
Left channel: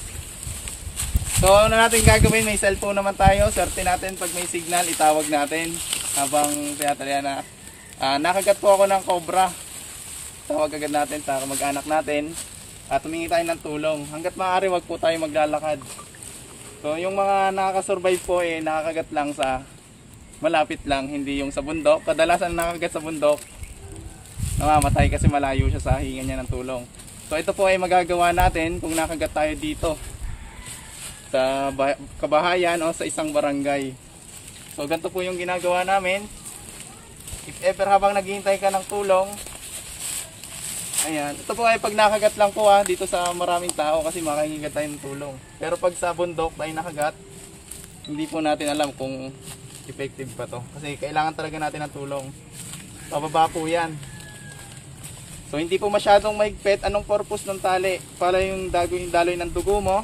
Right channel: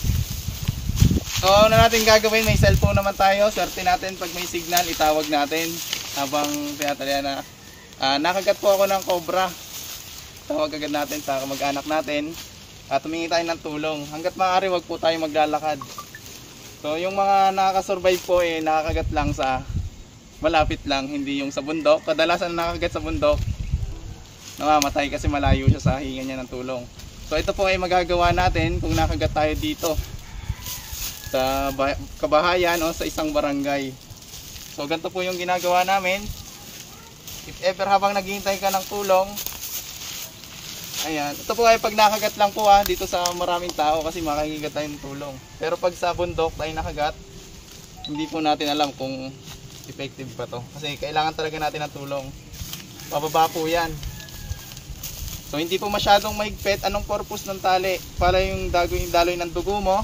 So ano natin gagawin? May cellphone naman tayo. Swerte natin pag may signal itawag natin. Habang tinatalihan na. Nakagat po ako ng cobra. Tawag agad natin sa kamag-anak natin. At humingi tayo ng tulong. Hanggat maaari wag po tayo maglalakad. So yung mga nakakasurvive po nakakagat lang sa malapit lang, hindi yung sa bundok. Kadalasan nakakagat sa bundok, namamatay kasi malayo siya sa hinga niya ng tulong. So ito po ay magagawa natin kung nakagat tayo dito sa kabahayan o sa isang barangay. So ganito po yung ginagawa namin. If ever habang naghihintay ka ng tulong, ayan, ito po ay pag nakagat lang po dito sa maraming tao kasi makakigat tayo ng tulong. Pero pag sa bundok tayo nakagat, hindi po natin alam kung effective pa to. Kasi kailangan talaga natin ng tulong. Pababa po yan. So hindi po masyadong mahigpit. Anong purpose ng tali? Para yung daloy ng dugo mo,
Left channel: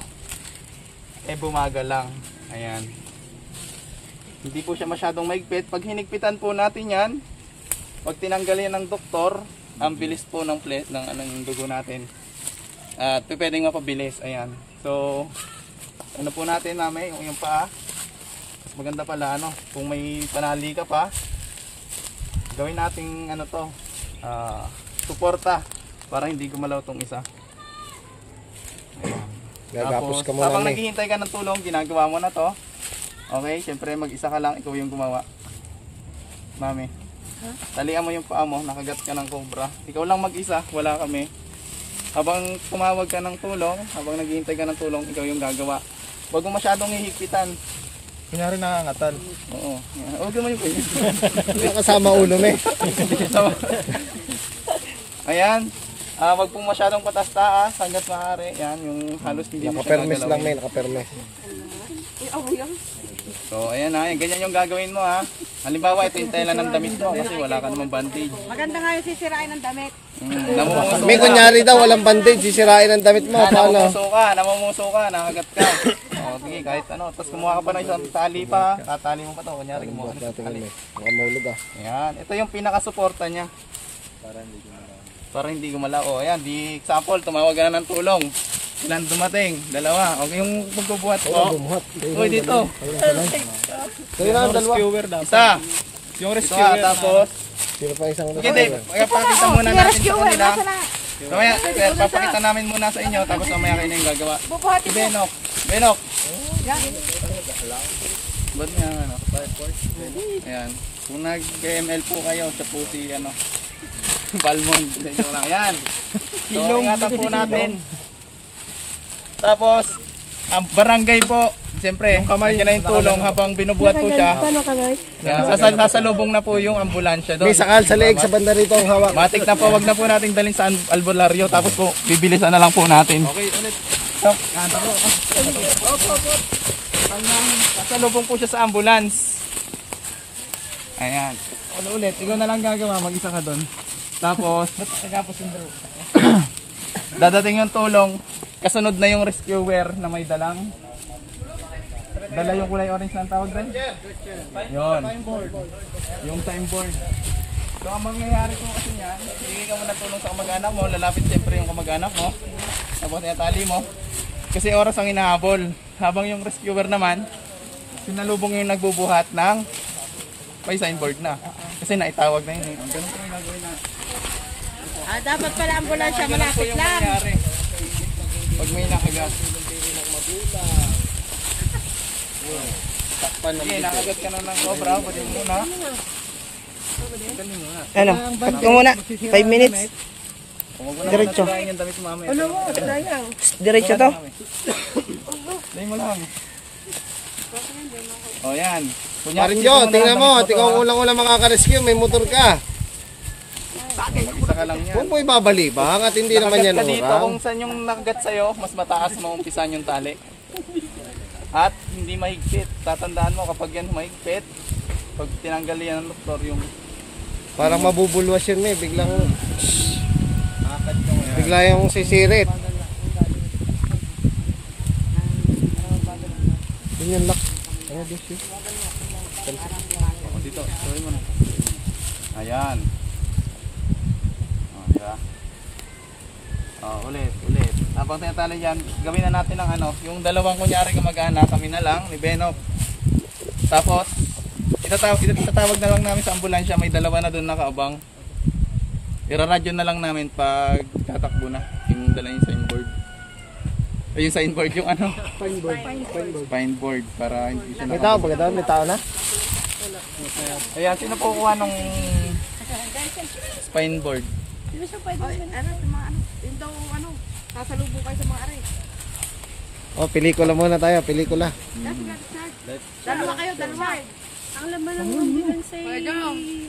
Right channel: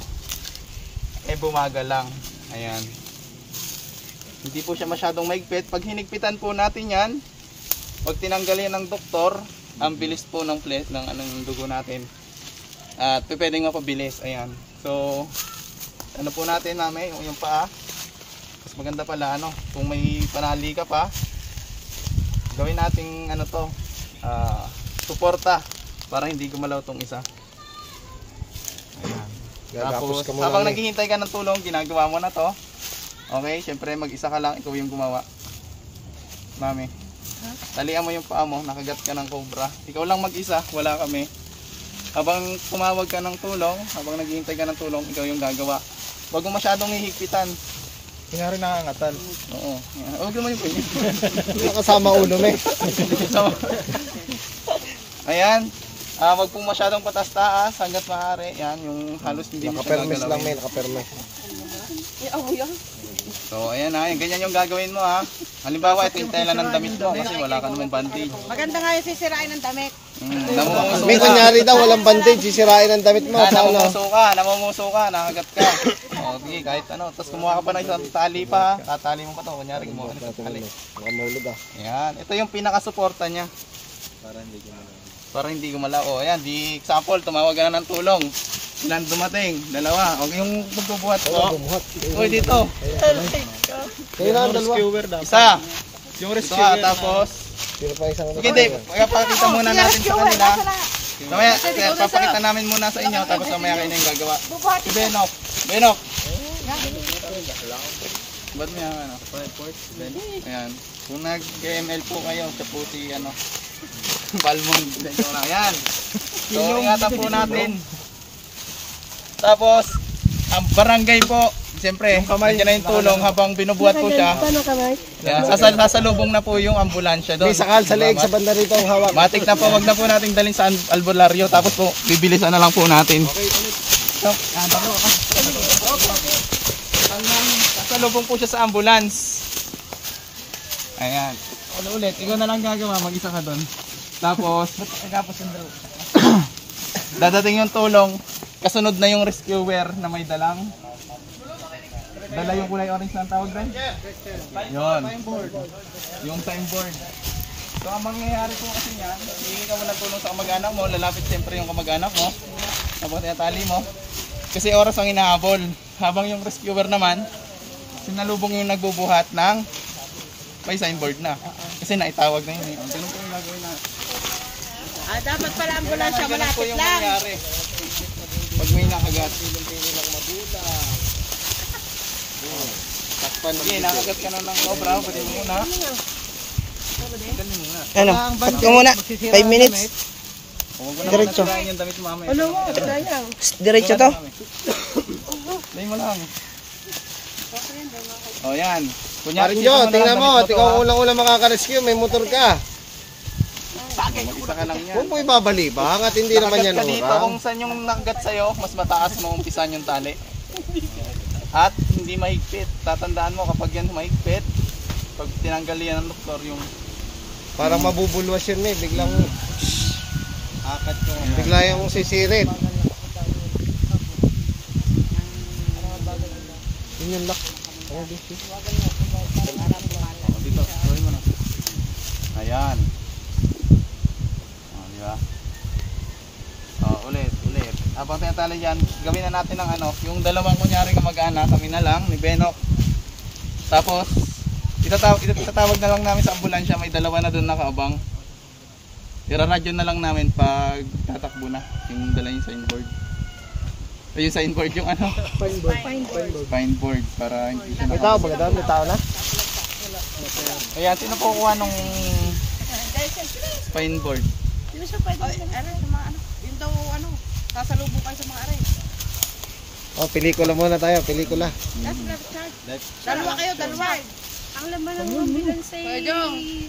bumaga lang. Ayan. Hindi po siya masyadong mahigpit. Pag hinigpitan po natin yan, pag tinanggal yan ng doktor, ang bilis po ng dugo natin at pwedeng mapabilis. Ayan, so ano po natin namin yung paa, mas maganda pala kung may panali ka pa, gawin nating suporta para hindi gumalaw tong isa. Ayan, tapos habang naghihintay ka ng tulong, ginagawa mo na to. Okay, syempre mag-isa ka lang, ikaw yung gumawa mami. Talian mo yung paa mo, nakagat ka ng cobra. Ikaw lang mag-isa, wala kami. Habang tumawag ka ng tulong, habang naghihintay ka ng tulong, ikaw yung gagawa. Huwag mo masyadong hihigpitan. Kinari nakangatan. Oo. Huwag naman yung pwede. Kasama ulo mo Ayan. Huwag pong masyadong patas-taas hanggat maaari. Yan, yung halos hindi mo nakapermes lang nakapermes. So ayan ganyan yung gagawin mo Halimbawa ito yung tela ng damit mo kasi wala ka namang bandage. Maganda nga yung sisirain ng damit. Namumuso May kunyari daw walang bandage, sisirain ang damit mo. Namumuso ka, nakagat ka. O sige, kahit Tapos kumuha ka pa ng isang tali pa, tatali mo pa to. Kunyari kumuha ka ng isang tali. Ayan, ito yung pinakasuporta niya. Para hindi gumalaw. O ayan, di example, tumawag ka na ng tulong. Ilan dumating? Dalawa. O yung magbubuhat po. Uy, dito. Isa. Yung rescuer. Tapos, hindi, papakita muna natin sa kanila. Mamaya, sir, papakita namin muna sa inyo. Tapos mamaya kayo na yung gagawa. Si Benok. Benok. Ba't niya Ayan. Kung nag-ML po kayo, sa po si Palmon. Ayan. So, ingatan po natin. Tapos, ang barangay po, siyempre, nandiyan na yung tulong habang binubuhat po siya. Yan, sasalubong na po yung ambulansya doon. May sakal sa leeg sa banda rito yung hawak. Matik na po, wag na po nating dalhin sa albularyo. Tapos po, bibilisan na lang po natin. So, sasalubong po siya sa ambulance. Ayan. Ulit, ikaw na lang gagawa, mag-isa ka doon. Tapos, dadating yung tulong. Kasunod na yung rescuer na may dala yung kulay orange na tawag doon? Yun. Yung time board. So ang mangyayari po kasi yan, hindi ka muna tulong sa kamag-anak mo, lalapit siyempre yung kamag-anak mo, habang tinatali mo. Kasi oras ang hinahabol. Habang yung rescuer naman, sinalubong yung nagbubuhat ng may signboard na. Kasi naitawag na yun eh. Ganun po yung gagawin na. Dapat pala ambulansya Ganun po malapit yung lang. mangyayari. Pag may nakagat. Sige, nakagat ka na ng cobra. Pwede mo muna. Galing muna. Ano? Cut ko muna. 5 minutes. Huwag mo na Diretso. natirahin yung damit mo mamaya. Ano mo? Sayang. Diretso to. Dahil mo lang. O yan. Kunyari, Parin Jo, dito mo na tingnan lang mo. damit to, Tingnan ha? mo ulang-ulang makaka-rescue. May motor ka. Mag-isa ka lang yan. Huwag mo ibabali. Bakit hindi naman yan Nakagat ka dito, orang? kung saan yung nakagat sa'yo, mas mataas mo umpisan yung tali. At hindi mahigpit. Tatandaan mo kapag yan mahigpit, pag tinanggal yan ng doktor yung... Para mabubulwas yun eh. Bigla yung sisirit. Yun yung lock. O, dito, sorry mo na. Ayan. O, diba? O, ulit. Habang tinatali dyan, gawin na natin ng ano, yung dalawang kunyari kamag-anak, kami na lang, ni Benok. Tapos, itatawag na lang namin sa ambulansya, may dalawa na doon nakaabang. Iraradyo na lang namin pag tatakbo na, yung dala yung signboard. Ay, yung signboard, yung ano? Signboard, para hindi siya May tao ba doon? May tao na? Ayan, sino po kuha nung signboard? Ano sa mga ano? Yung daw ano? Sasalubong kayo sa mga aray. Oh, pelikula muna tayo. Pelikula. Dalawa kayo, dalawa. Ang laman ng ambulance ay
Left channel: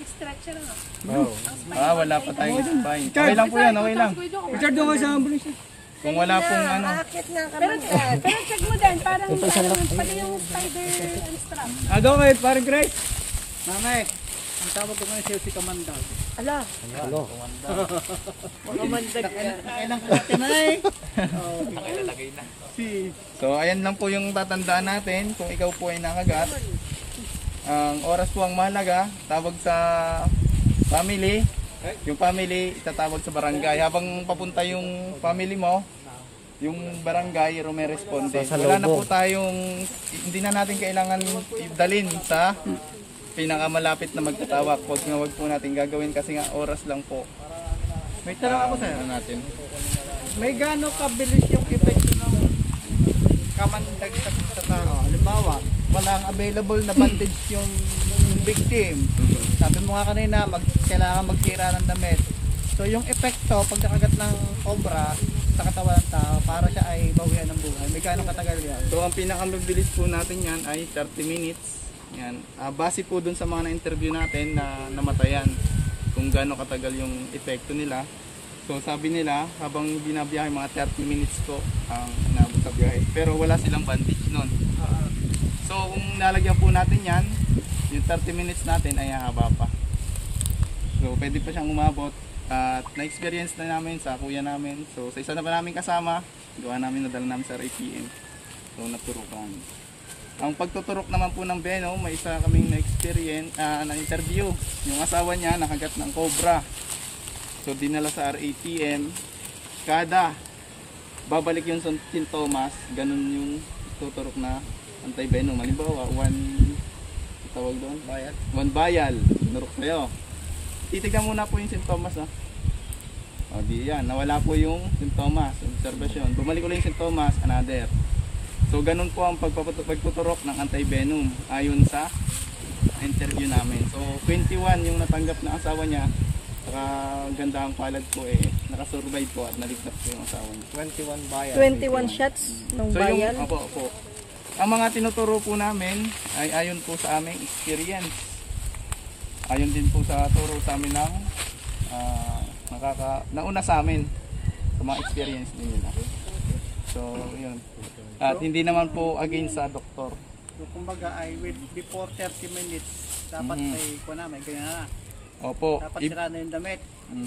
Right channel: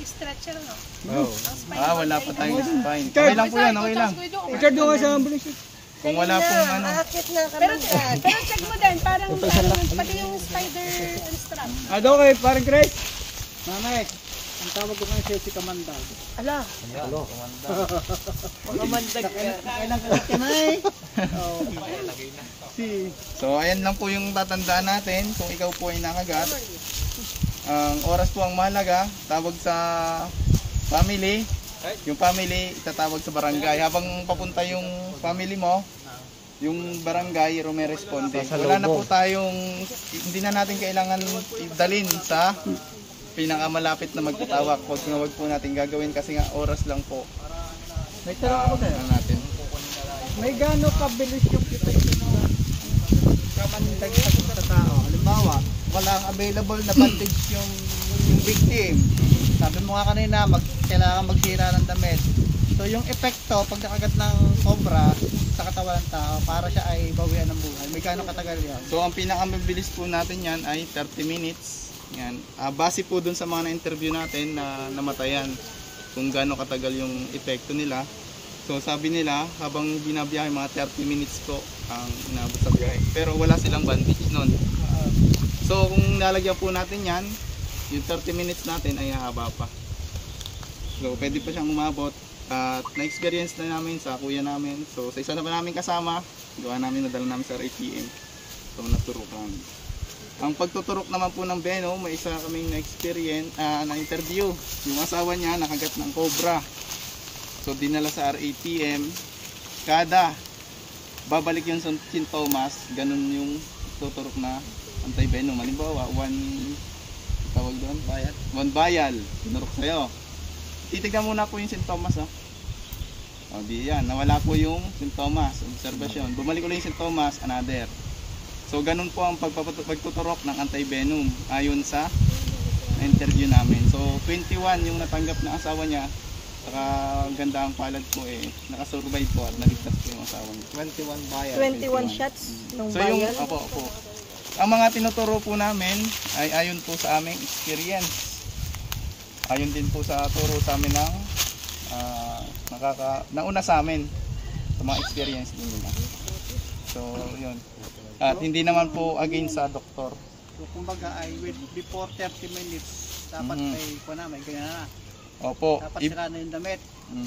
stretcher ano. Oo. Wala pa tayong spine. Okay lang po yan, okay lang. Richard, doon ka sa ambulance. Kung wala pong ano. Akit na kamangkad. Pero check mo din, parang pati yung spider and strap. Doon kay parang Grace. Nanay, ang tawag ko na siya si Kamandaw. Ala, Ayan, kumanda. makamandag ka. So, ayan lang po yung tatandaan natin. Kung ikaw po ay nakagat. Ang oras po ang mahalaga. Tawag sa family. Yung family, itatawag sa barangay. Habang papunta yung family mo, yung barangay, rumeresponde. Wala na po tayong, hindi na natin kailangan idalin sa pinakamalapit na magtatawag. Huwag po natin gagawin kasi nga oras lang po. May tanong ako sa'yo. Natin. May gaano kabilis yung epekto ng kamandag sa tao? Halimbawa, walang available na bandage yung victim. Sabi mo nga kanina, kailangan magsira ng damit. So yung epekto, pag nakagat ng cobra sa katawan ng tao, para siya ay bawian ng buhay. May gaano katagal yan? So ang pinakamabilis po natin yan ay 30 minutes. Yan. Base po dun sa mga na-interview natin na namatayan kung gaano katagal yung epekto nila. So sabi nila habang binabiyahe mga 30 minutes po ang inabot sa biyahe. Pero wala silang bandage nun. So kung nalagyan po natin yan, yung 30 minutes natin ay haba pa. So pwede pa siyang umabot. At na-experience na namin sa kuya namin. So sa isa na pa namin kasama, gawa namin, nadala namin sa RATM. So naturukan. Ang pagtuturok naman po ng Beno, may isa kaming na-experience, na-interview. Yung asawa niya nakagat ng cobra. So dinala sa RATM. Kada babalik yung sintomas, ganun yung tuturok na anti-venom. Halimbawa, tawag doon? Bayal. 1 bayal. Tinurok sa'yo. Titignan muna po yung sintomas. O di yan, nawala po yung sintomas. Observation. Bumalik ulit yung sintomas, another. So ganun po ang pagtuturok ng anti-venom ayon sa interview namin. So 21 yung natanggap na asawa niya. Saka ganda ang palad po nakasurvive po at naligtas po yung asawa niya. 21 bayan. 21 shots ng So yung, bayan. opo. Ang mga tinuturo po namin ay ayon po sa aming experience. Ayon din po sa turo sa amin ng nauna sa amin sa mga experience din nila. So yun. At hindi naman po against sa doktor. So, kumbaga ay before 30 minutes, dapat may may ganyan na. Opo. Dapat sira na yung damit.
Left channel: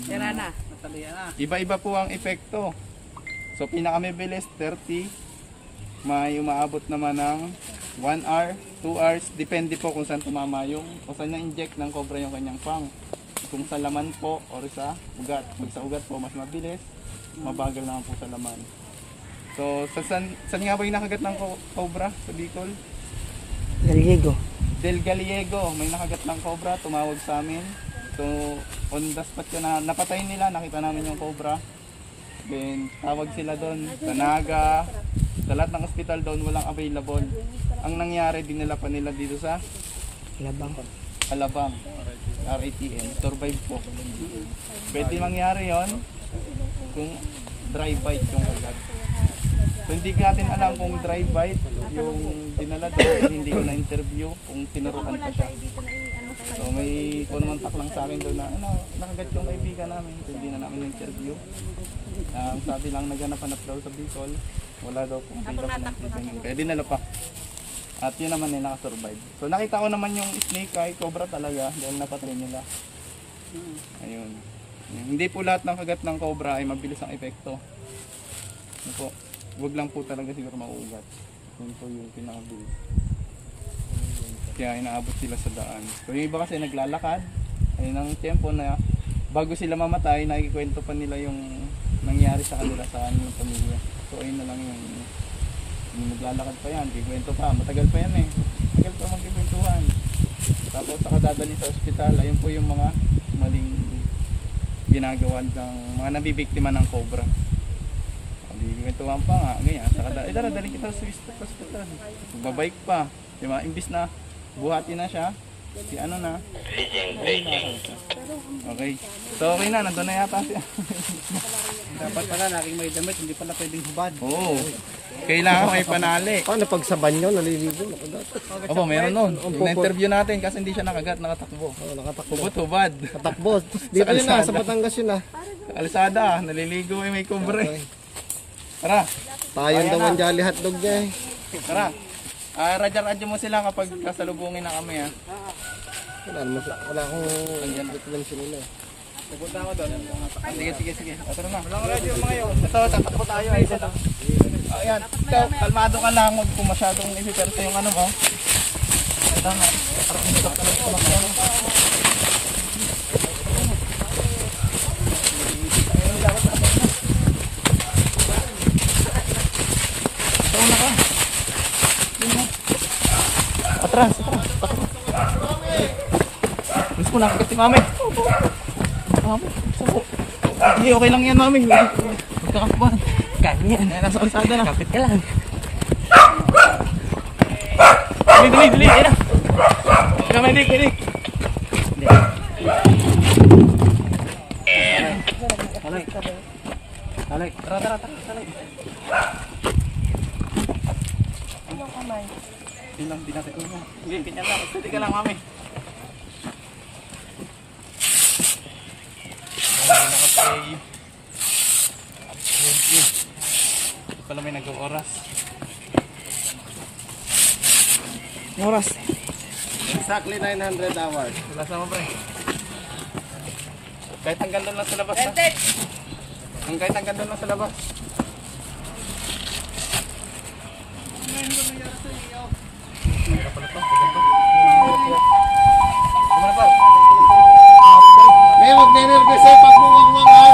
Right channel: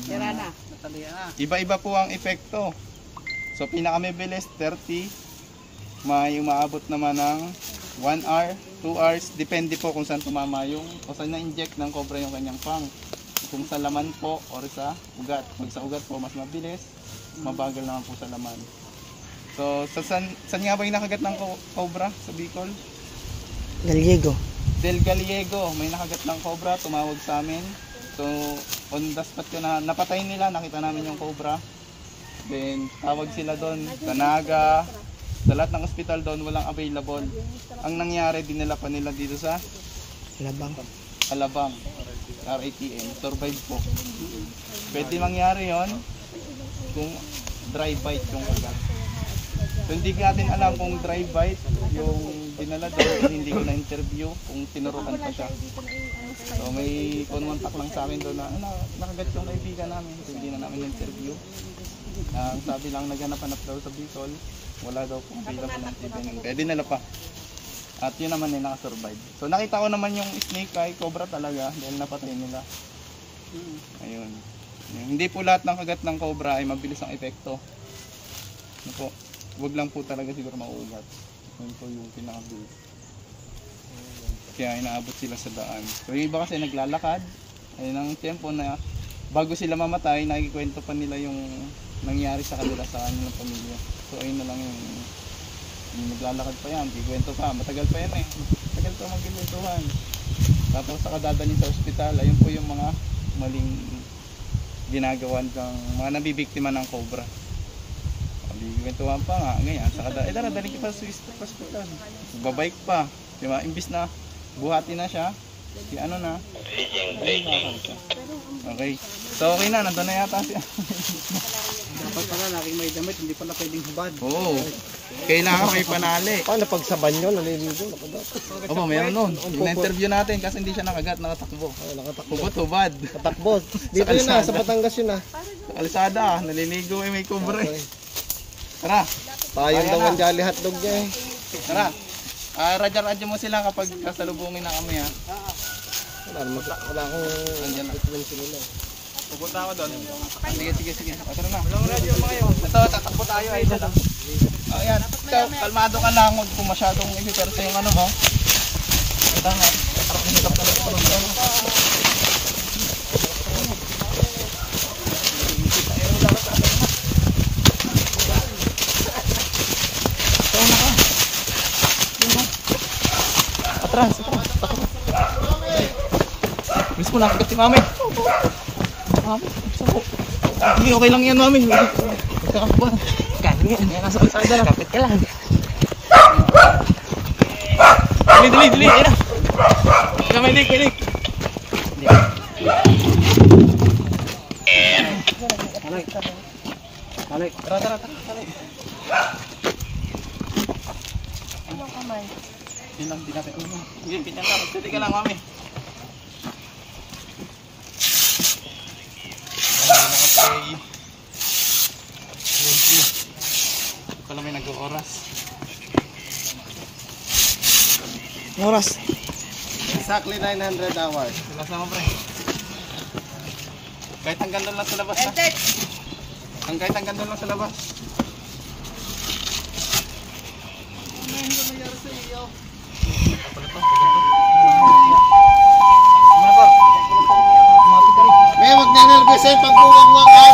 Sira na, natalian na. Iba-iba po ang epekto. So pinakamabilis 30, may umaabot naman ng 1 hour, 2 hours, depende po kung saan tumama yung o saan na-inject ng cobra yung kanyang pang. Kung sa laman po or sa ugat. Pag sa ugat po mas mabilis, mabagal naman po sa laman. So saan nga ba yung nakagat ng cobra sa Bicol? Gallego. Del Gallego, may nakagat ng cobra, tumawag sa amin. So, on the spot ko na napatay nila, nakita namin yung cobra. Then, tawag sila doon sa Naga. Sa lahat ng hospital doon, walang available. Ang nangyari, dinala pa nila dito sa Alabang. RATM, survive po. Pwede mangyari yon kung dry bite yung kagat. So, hindi natin alam kung dry bite yung dinala doon, hindi ko na-interview kung tinurukan pa siya. So may kumontak lang sa akin doon na nakagat yung kaibigan namin, so, hindi na namin interview. Ang sabi lang naghanap-hanap daw sa Bicol, wala daw kung available ng TB. Kaya dinala pa. At yun naman ay nakasurvive. So nakita ko naman yung snake ay cobra talaga dahil napatay nila. Ayun. Hindi po lahat ng kagat ng cobra ay mabilis ang epekto. Ano po? Huwag lang po talaga siguro mauugat. Yun po yung pinakabilis. Kaya inaabot sila sa daan. So yung iba kasi naglalakad, ay ng tempo na bago sila mamatay, nakikikwento pa nila yung nangyari sa kanila sa kanilang pamilya. So ayun na lang yung naglalakad pa yan, di kwento pa, matagal pa yan eh. Matagal pa magkikwentuhan. Tapos sa kadadali sa ospital, ayun po yung mga maling ginagawa ng mga nabibiktima ng cobra. Kwentuhan pa nga, ganyan. Tara, dali kita sa hospital. Babike pa. Diba? Imbis na buhati na siya, si ano na, ay nakakawit siya. Okay. So okay na, nandun na yata siya. Dapat pala, naking may damit, hindi pala pwedeng hubad. Oo. Kailangan may panali. Paano pag sa banyo, naliligo? Opo, meron nun. Na-interview natin kasi hindi siya nakagat, nakatakbo. Hubot-hubad. Katakbo. Dito yun na, sa Batangas yun na. Kalsada, naliligo may cobra. Tara. Tayo daw ang jolly hotdog niya eh. Tara. Radya-radya mo sila kapag kasalubungin na kami ha. Wala akong Nandiyan na. lang sinilo. Pupunta ako doon. Sige. Tara na. Ito, tatakbo tayo ay isa lang. Ayan. Ikaw, kalmado ka lang. Huwag po masyadong ipipersa yung ano mo. Ito nga. Parang inikap talaga ko lang yan. Atras. Miss mo nakagat si mami. Mami, sabo. Okay lang yan mami. Magkakakbo. Ganyan. Nasa kalsada na. Kapit ka lang. Dali. Ina. Kamay dik. Alay. Tara. Ilang kamay. Ilang pinapit mo. Hindi, ganyan lang. Magstudi ka lang, mami. Nakapay. Ito pala may nag-oras. Oras. Exactly 900 hours. Sila sama pre. Kahit hanggang doon lang sa labas ha. Kahit hanggang doon lang sa labas. May mag-nervous eh pag buwang mga